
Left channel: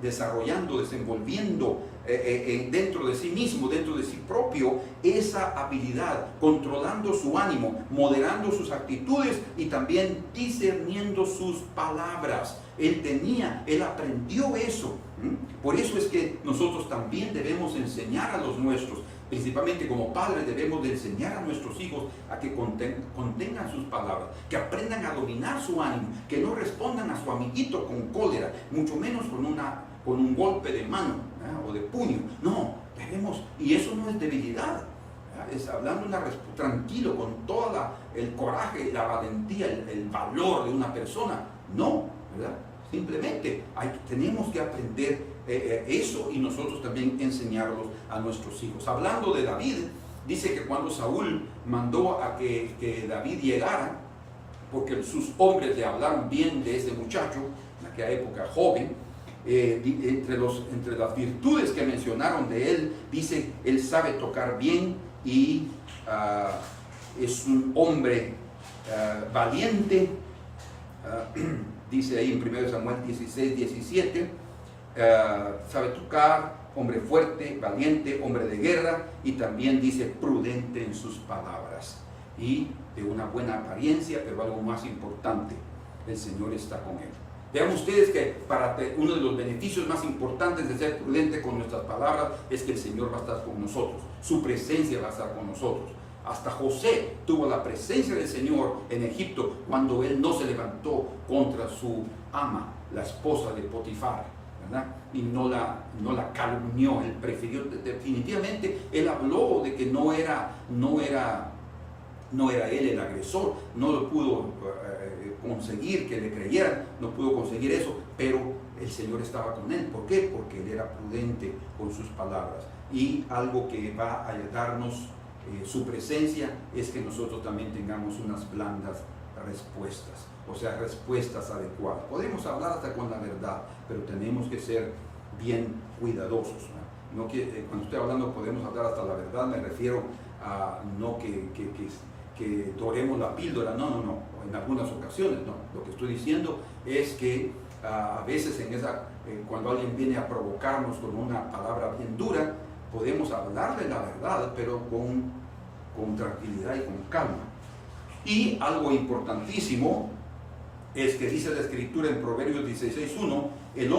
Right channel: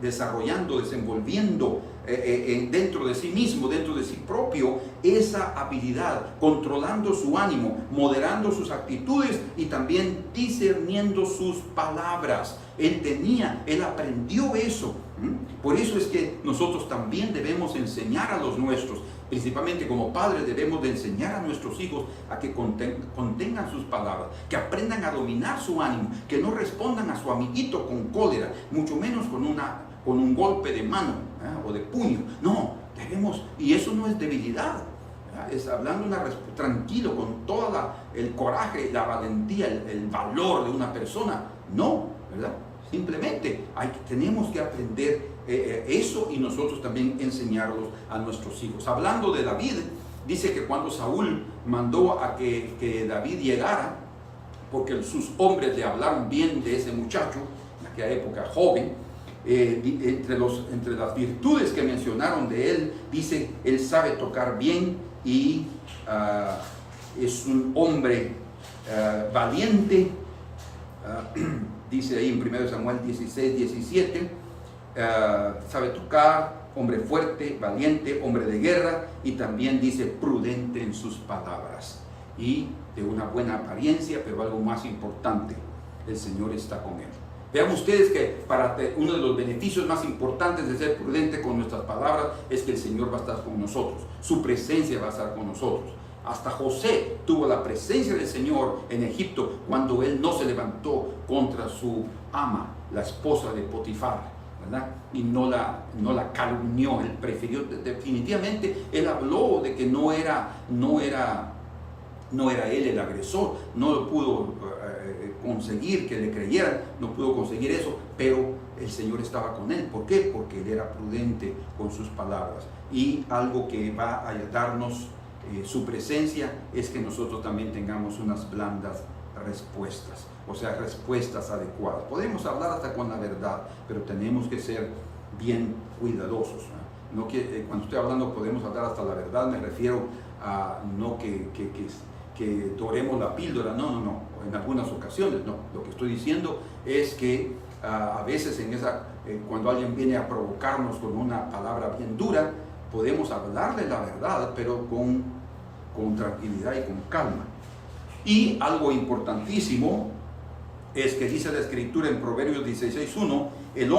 desarrollando, desenvolviendo dentro de sí mismo, dentro de sí propio, esa habilidad, controlando su ánimo, moderando sus actitudes y también discerniendo sus palabras. Él aprendió eso. Por eso es que nosotros también debemos enseñar a los nuestros, principalmente como padres debemos de enseñar a nuestros hijos a que contengan sus palabras, que aprendan a dominar su ánimo, que no respondan a su amiguito con cólera, mucho menos con un golpe de mano o de puño. No, debemos, y eso no es debilidad. Es hablando tranquilo, con todo el coraje, la valentía, el valor de una persona. No, ¿verdad? Simplemente tenemos que aprender eso y nosotros también enseñarlos a nuestros hijos. Hablando de David, dice que cuando Saúl mandó a que David llegara, porque sus hombres le hablaron bien de ese muchacho, en aquella época joven, entre las virtudes que mencionaron de él, dice, él sabe tocar bien y es un hombre valiente, dice ahí en 1 Samuel 16, 17, sabe tocar, hombre fuerte, valiente, hombre de guerra, y también dice prudente en sus palabras y de una buena apariencia, pero algo más importante, el Señor está con él. Vean ustedes que uno de los beneficios más importantes de ser prudente con nuestras palabras es que el Señor va a estar con nosotros, su presencia va a estar con nosotros. Hasta José tuvo la presencia del Señor en Egipto cuando él no se levantó contra su ama, la esposa de Potifar, ¿verdad? Y no la calumnió. Él prefirió, definitivamente, él habló de que no era él el agresor, no lo pudo conseguir que le creyeran, no pudo conseguir eso, pero el Señor estaba con él. ¿Por qué? Porque él era prudente con sus palabras. Y algo que va a darnos su presencia es que nosotros también tengamos unas blandas respuestas, o sea, respuestas adecuadas. Podemos hablar hasta con la verdad, pero tenemos que ser bien cuidadosos. No que, cuando estoy hablando podemos hablar hasta la verdad, me refiero a no que doremos la píldora, no, en algunas ocasiones no. Lo que estoy diciendo es que a veces cuando alguien viene a provocarnos con una palabra bien dura, podemos hablarle la verdad, pero con tranquilidad y con calma. Y algo importantísimo es que dice la Escritura en Proverbios 16:1, del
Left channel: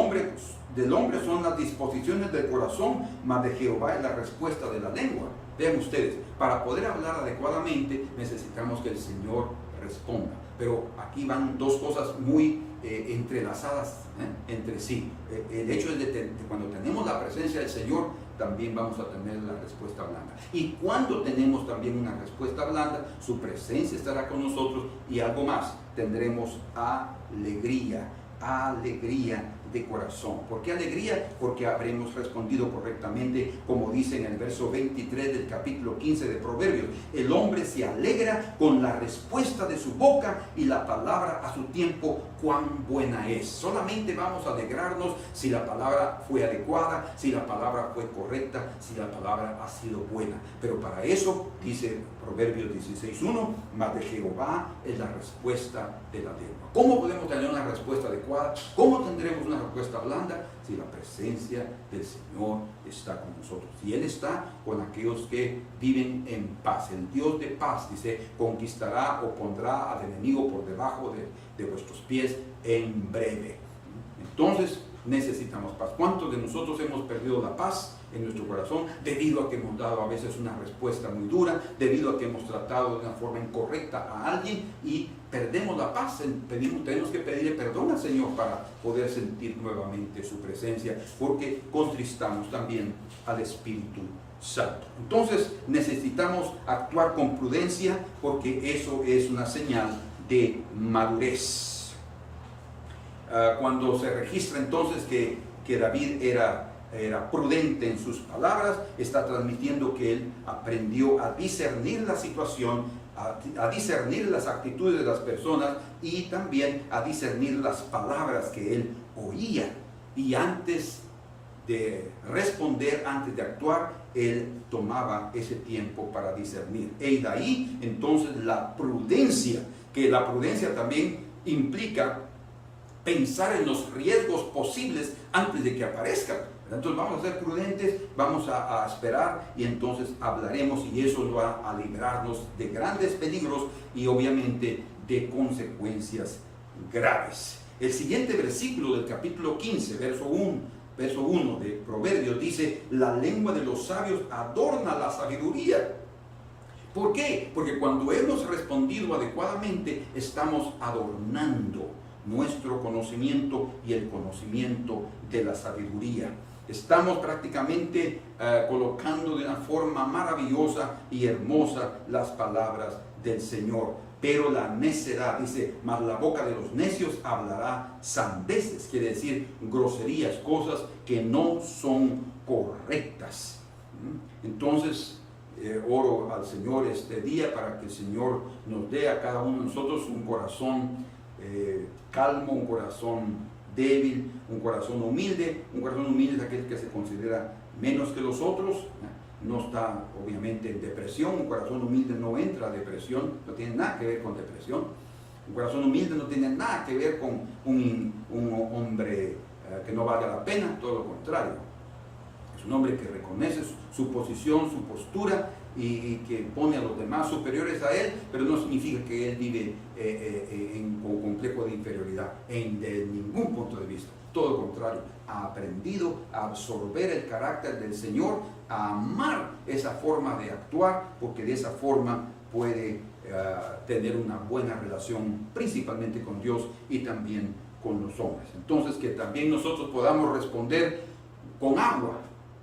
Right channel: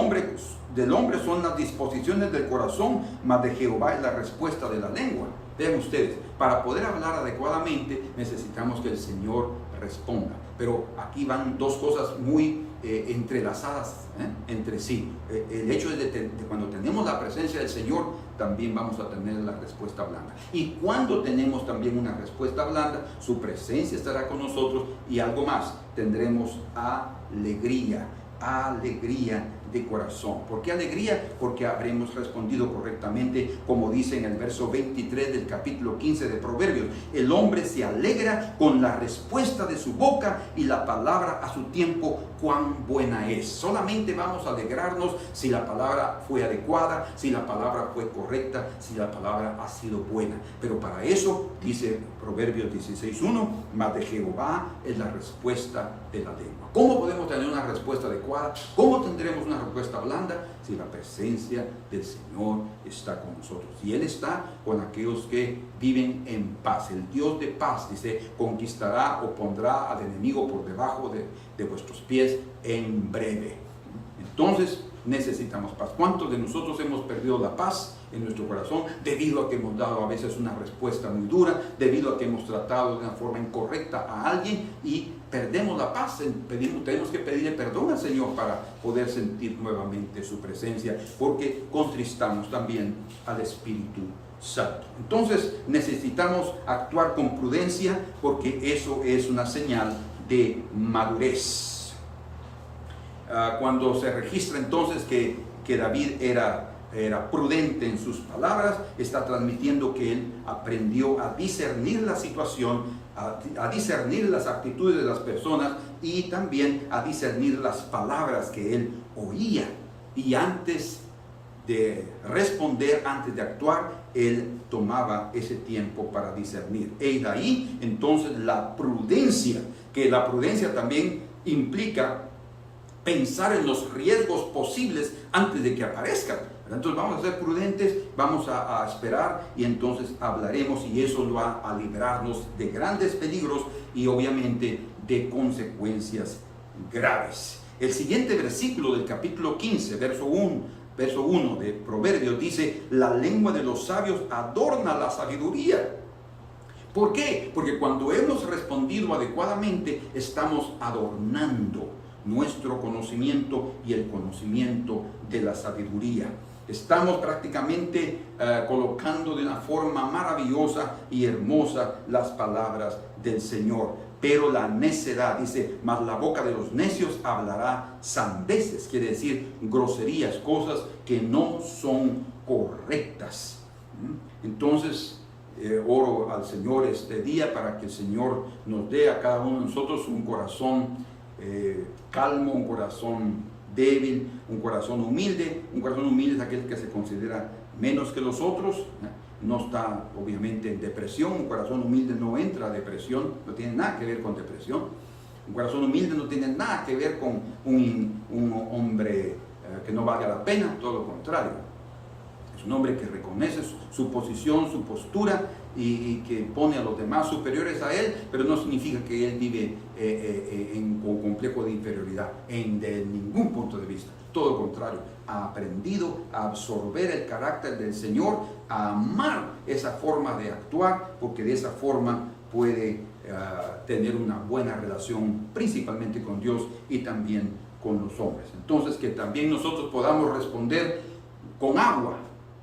hombre son las disposiciones del corazón, mas de Jehová es la respuesta de la lengua. Vean ustedes, para poder hablar adecuadamente necesitamos que el Señor responda. Pero aquí van dos cosas muy entrelazadas entre sí. El hecho es de cuando tenemos la presencia del Señor, también vamos a tener la respuesta blanda. Y cuando tenemos también una respuesta blanda, su presencia estará con nosotros y algo más, tendremos alegría de corazón. ¿Por qué alegría? Porque habremos respondido correctamente, como dice en el verso 23 del capítulo 15 de Proverbios. El hombre se alegra con la respuesta de su boca y la palabra a su tiempo, cuán buena es. Solamente vamos a alegrarnos si la palabra fue adecuada, si la palabra fue correcta, si la palabra ha sido buena. Pero para eso, dice Proverbios 16:1, mas de Jehová es la respuesta de la lengua. ¿Cómo podemos tener una respuesta adecuada? ¿Cómo tendremos una respuesta blanda? Si la presencia del Señor está con nosotros. Y Él está con aquellos que viven en paz. El Dios de paz, dice, conquistará o pondrá al enemigo por debajo de vuestros pies en breve. Entonces necesitamos paz. ¿Cuántos de nosotros hemos perdido la paz en nuestro corazón debido a que hemos dado a veces una respuesta muy dura, debido a que hemos tratado de una forma incorrecta a alguien y perdemos la paz? Tenemos que pedirle perdón al Señor para poder sentir nuevamente su presencia, porque contristamos también al Espíritu Santo. Entonces necesitamos actuar con prudencia, porque eso es una señal de madurez. Cuando se registra entonces que David era prudente en sus palabras, está transmitiendo que él aprendió a discernir la situación, a discernir las actitudes de las personas y también a discernir las palabras que él oía. Y antes de responder, antes de actuar, él tomaba ese tiempo para discernir. Y de ahí entonces la prudencia, que la prudencia también implica pensar en los riesgos posibles antes de que aparezcan. Entonces vamos a ser prudentes, vamos a esperar y entonces hablaremos, y eso va a librarnos de grandes peligros y obviamente de consecuencias graves. El siguiente versículo del capítulo 15, verso 1 de Proverbios dice: la lengua de los sabios adorna la sabiduría. ¿Por qué? Porque cuando hemos respondido adecuadamente, estamos adornando nuestro conocimiento y el conocimiento de la sabiduría. Estamos prácticamente colocando de una forma maravillosa y hermosa las palabras del Señor. Pero la necedad, dice, mas la boca de los necios hablará sandeces, quiere decir groserías, cosas que no son correctas. Entonces, oro al Señor este día para que el Señor nos dé a cada uno de nosotros un corazón calmo, un corazón débil, un corazón humilde. Un corazón humilde es aquel que se considera menos que los otros, no está obviamente en depresión. Un corazón humilde no entra a depresión, no tiene nada que ver con depresión. Un corazón humilde no tiene nada que ver con un hombre que no valga la pena, todo lo contrario. Es un hombre que reconoce su posición, su postura y que pone a los demás superiores a él, pero no significa que él vive con complejo de inferioridad de ningún punto de vista. Todo lo contrario, ha aprendido a absorber el carácter del Señor, a amar esa forma de actuar, porque de esa forma puede tener una buena relación principalmente con Dios y también con los hombres. Entonces, que también nosotros podamos responder con agua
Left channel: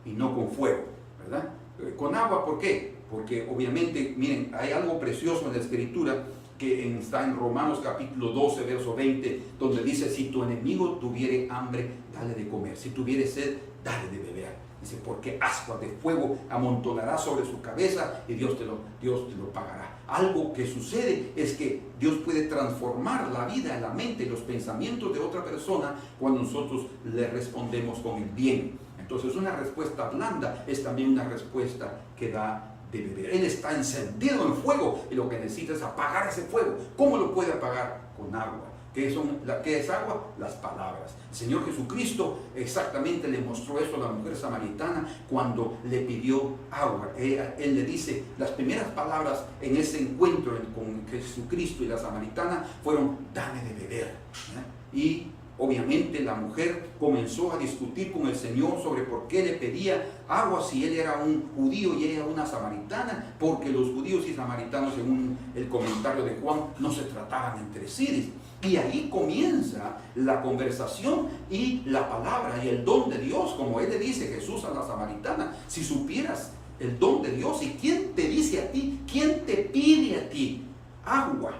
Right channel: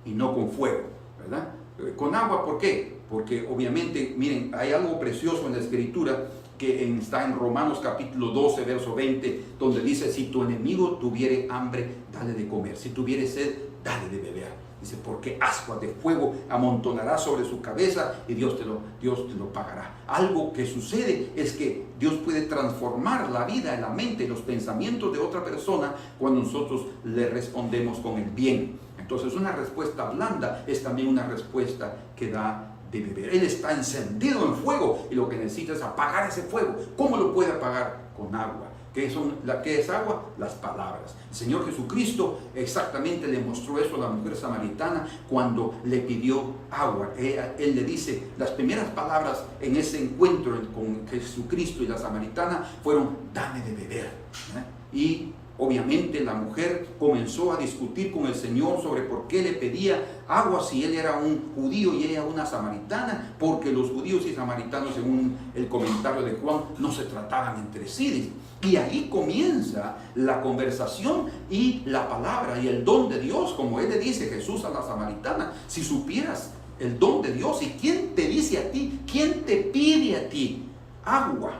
y no con fuego, ¿verdad? Con agua, ¿por qué? Porque obviamente, miren, hay algo precioso en la Escritura que está en Romanos capítulo 12, verso 20, donde dice: si tu enemigo tuviere hambre, dale de comer; si tuviere sed, dale de beber. Dice, porque ascuas de fuego amontonará sobre su cabeza y Dios te lo pagará. Algo que sucede es que Dios puede transformar la vida, la mente y los pensamientos de otra persona cuando nosotros le respondemos con el bien. Entonces, una respuesta blanda es también una respuesta que da de beber. Él está encendido en fuego y lo que necesita es apagar ese fuego. ¿Cómo lo puede apagar? Con agua. ¿Qué es agua? Las palabras. El Señor Jesucristo exactamente le mostró eso a la mujer samaritana cuando le pidió agua. Él le dice, las primeras palabras en ese encuentro con Jesucristo y la samaritana fueron: dame de beber. Y obviamente la mujer comenzó a discutir con el Señor sobre por qué le pedía agua si él era un judío y ella una samaritana, porque los judíos y samaritanos, según el comentario de Juan, no se trataban entre sí. Y ahí comienza la conversación y la palabra y el don de Dios, como él le dice Jesús a la samaritana: si supieras el don de Dios, y quién te dice a ti, quién te pide a ti agua,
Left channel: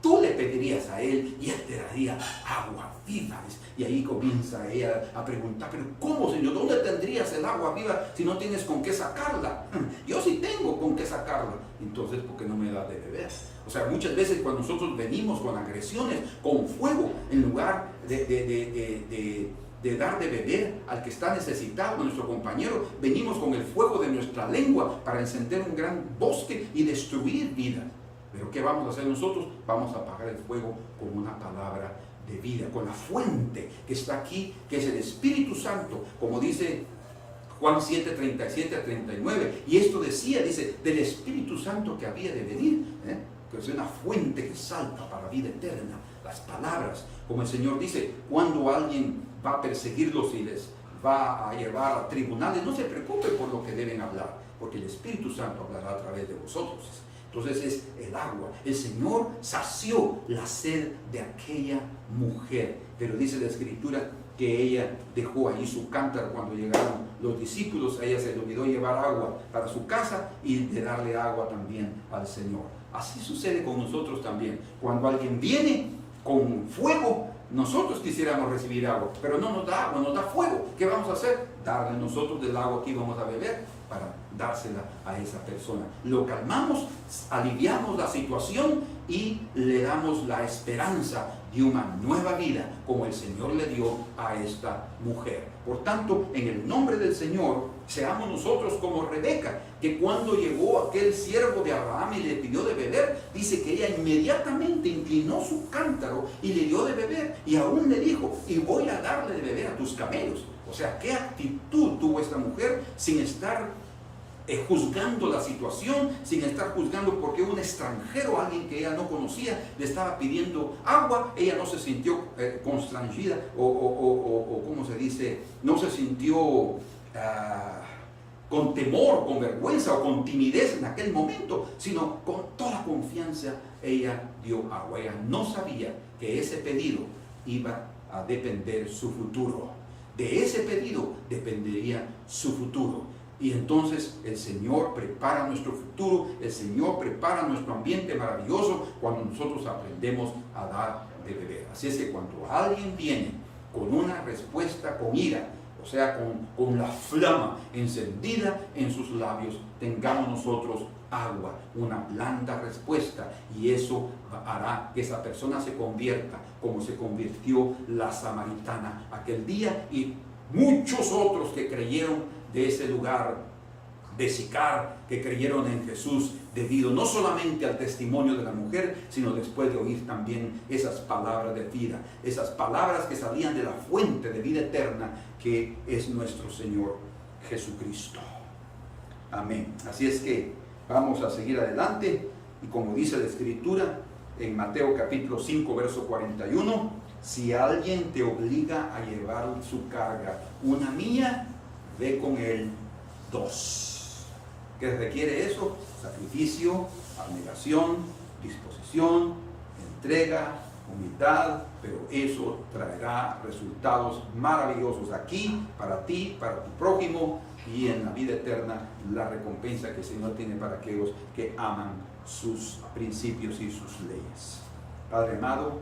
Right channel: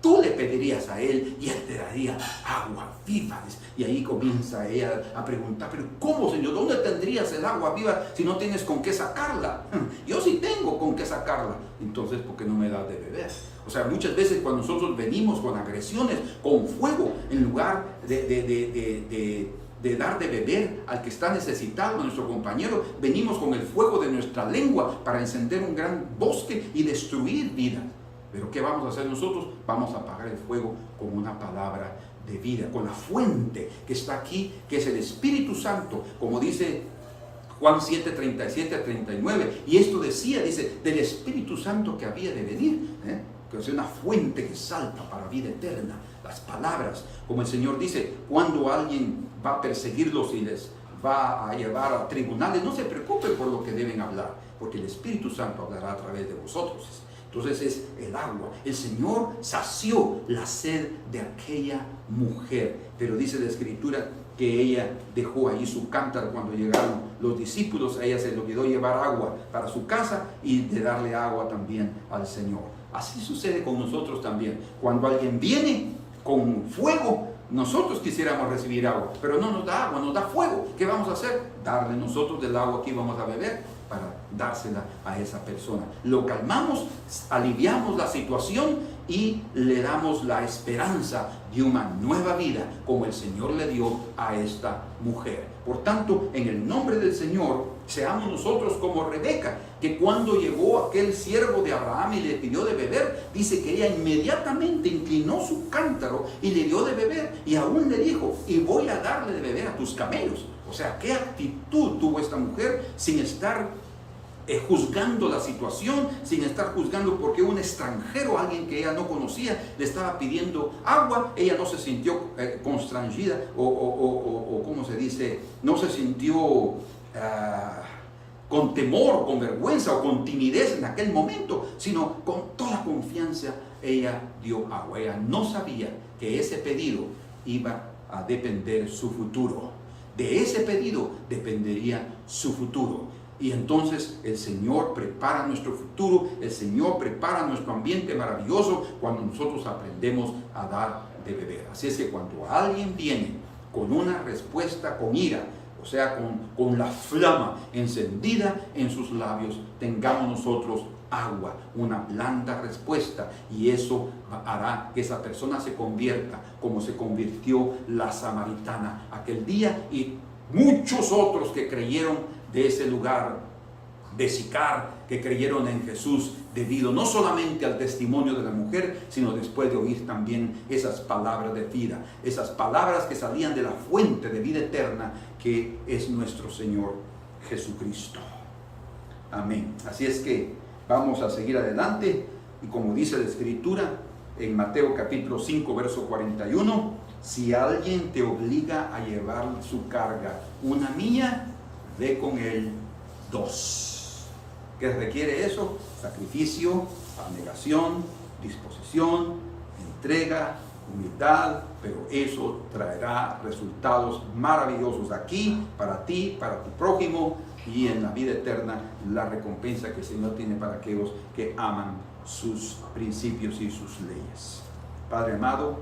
tú le pedirías a él y él te daría agua viva. Y ahí comienza ella a preguntar: pero ¿cómo, Señor? ¿Dónde tendrías el agua viva si no tienes con qué sacarla? Yo sí tengo con qué sacarla. Entonces, ¿por qué no me das de beber? O sea, muchas veces cuando nosotros venimos con agresiones, con fuego, en lugar de dar de beber al que está necesitado, a nuestro compañero, venimos con el fuego de nuestra lengua para encender un gran bosque y destruir vidas. Pero ¿qué vamos a hacer nosotros? Vamos a apagar el fuego con una palabra de vida, con la fuente que está aquí, que es el Espíritu Santo, como dice Juan 7, 37 a 39. Y esto dice, del Espíritu Santo que había de venir, que es una fuente que salta para vida eterna. Las palabras, como el Señor dice, cuando alguien va a perseguirlos y les va a llevar a tribunales, no se preocupen por lo que deben hablar, porque el Espíritu Santo hablará a través de vosotros. Entonces es el agua. El Señor sació la sed de aquella mujer, pero dice la Escritura que ella dejó allí su cántaro cuando llegaron los discípulos. A ella se le olvidó llevar agua para su casa y de darle agua también al Señor. Así sucede con nosotros también. Cuando alguien viene con fuego, nosotros quisiéramos recibir agua, pero no nos da agua, nos da fuego. ¿Qué vamos a hacer? Darle nosotros del agua que vamos a beber para dársela a esa persona. Lo calmamos, aliviamos la situación y le damos la esperanza de una nueva vida como el Señor le dio a esta mujer. Por tanto, en el nombre del Señor, seamos nosotros como Rebeca, que cuando llegó aquel siervo de Abraham y le pidió de beber, dice que ella inmediatamente inclinó su cántaro y le dio de beber, y aún le dijo: y voy a darle de beber a tus camellos. O sea, qué actitud tuvo esta mujer, sin estar juzgando la situación, sin estar juzgando porque un extranjero, alguien que ella no conocía, le estaba pidiendo agua. Ella no se sintió constrangida o ¿cómo se dice? No se sintió con temor, con vergüenza o con timidez en aquel momento, sino con toda confianza ella dio agua. Ella no sabía que ese pedido iba a depender su futuro. De ese pedido dependería su futuro. Y entonces el Señor prepara nuestro futuro, el Señor prepara nuestro ambiente maravilloso cuando nosotros aprendemos a dar de beber. Así es que cuando alguien viene con una respuesta con ira, o sea, con la flama encendida en sus labios, tengamos nosotros agua, una blanda respuesta, y eso hará que esa persona se convierta como se convirtió la samaritana aquel día y muchos otros que creyeron de ese lugar de Sicar, que creyeron en Jesús debido no solamente al testimonio de la mujer, sino después de oír también esas palabras de vida, esas palabras que salían de la fuente de vida eterna que es nuestro Señor Jesucristo. Amén. Así es que vamos a seguir adelante, y como dice la Escritura en Mateo capítulo 5 verso 41, si alguien te obliga a llevar su carga una milla, ve con él 2. ¿Qué requiere eso? Sacrificio, abnegación, disposición, entrega, humildad, pero eso traerá resultados maravillosos aquí, para ti, para tu prójimo, y en la vida eterna la recompensa que el Señor tiene para aquellos que aman sus principios y sus leyes. Padre amado,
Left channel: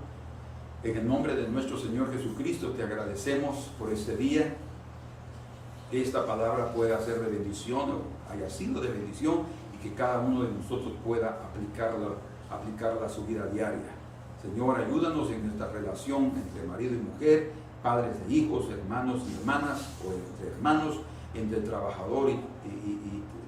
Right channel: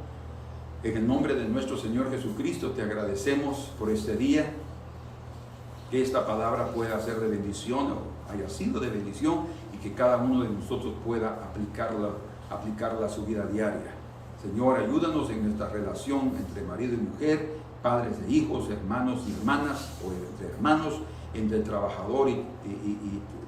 en el nombre de nuestro Señor Jesucristo te agradecemos por este día, que esta palabra pueda ser de bendición o haya sido de bendición, y que cada uno de nosotros pueda aplicarla a su vida diaria. Señor, ayúdanos en esta relación entre marido y mujer, padres e hijos, hermanos y hermanas, o entre hermanos, entre trabajador y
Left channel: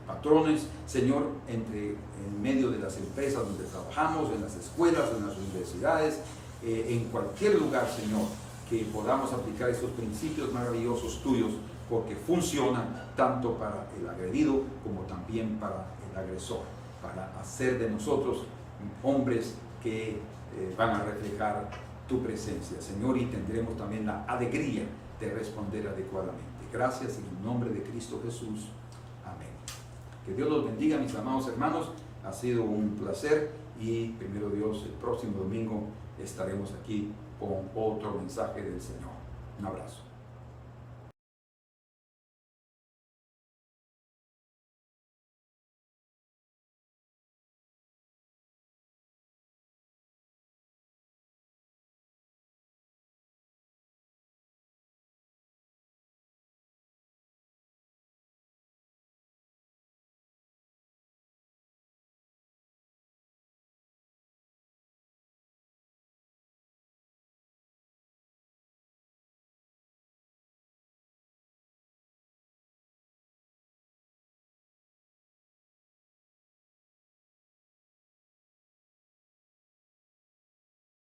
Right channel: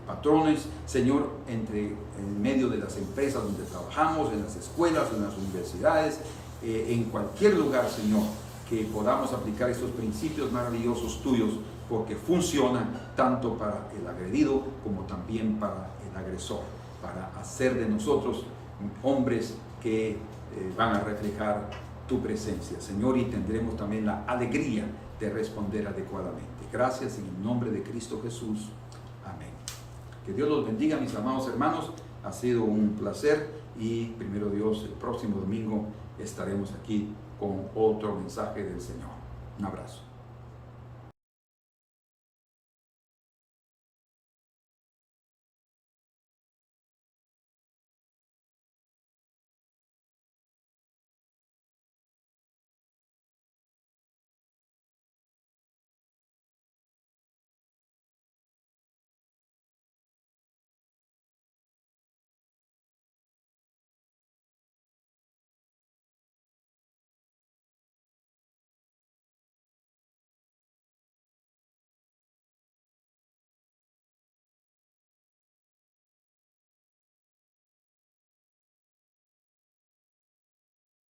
patrones, Señor, en medio de las empresas donde trabajamos, en las escuelas, en las universidades, en cualquier lugar, Señor, que podamos aplicar estos principios maravillosos tuyos, porque funcionan tanto para el agredido como también para el agresor, para hacer de nosotros hombres que van a reflejar tu presencia, Señor, y tendremos también la alegría de responder adecuadamente. Gracias en el nombre de Cristo Jesús. Amén. Que Dios los bendiga, mis amados hermanos. Ha sido un placer, y primero Dios, el próximo domingo estaremos aquí con otro mensaje del Señor. Un abrazo.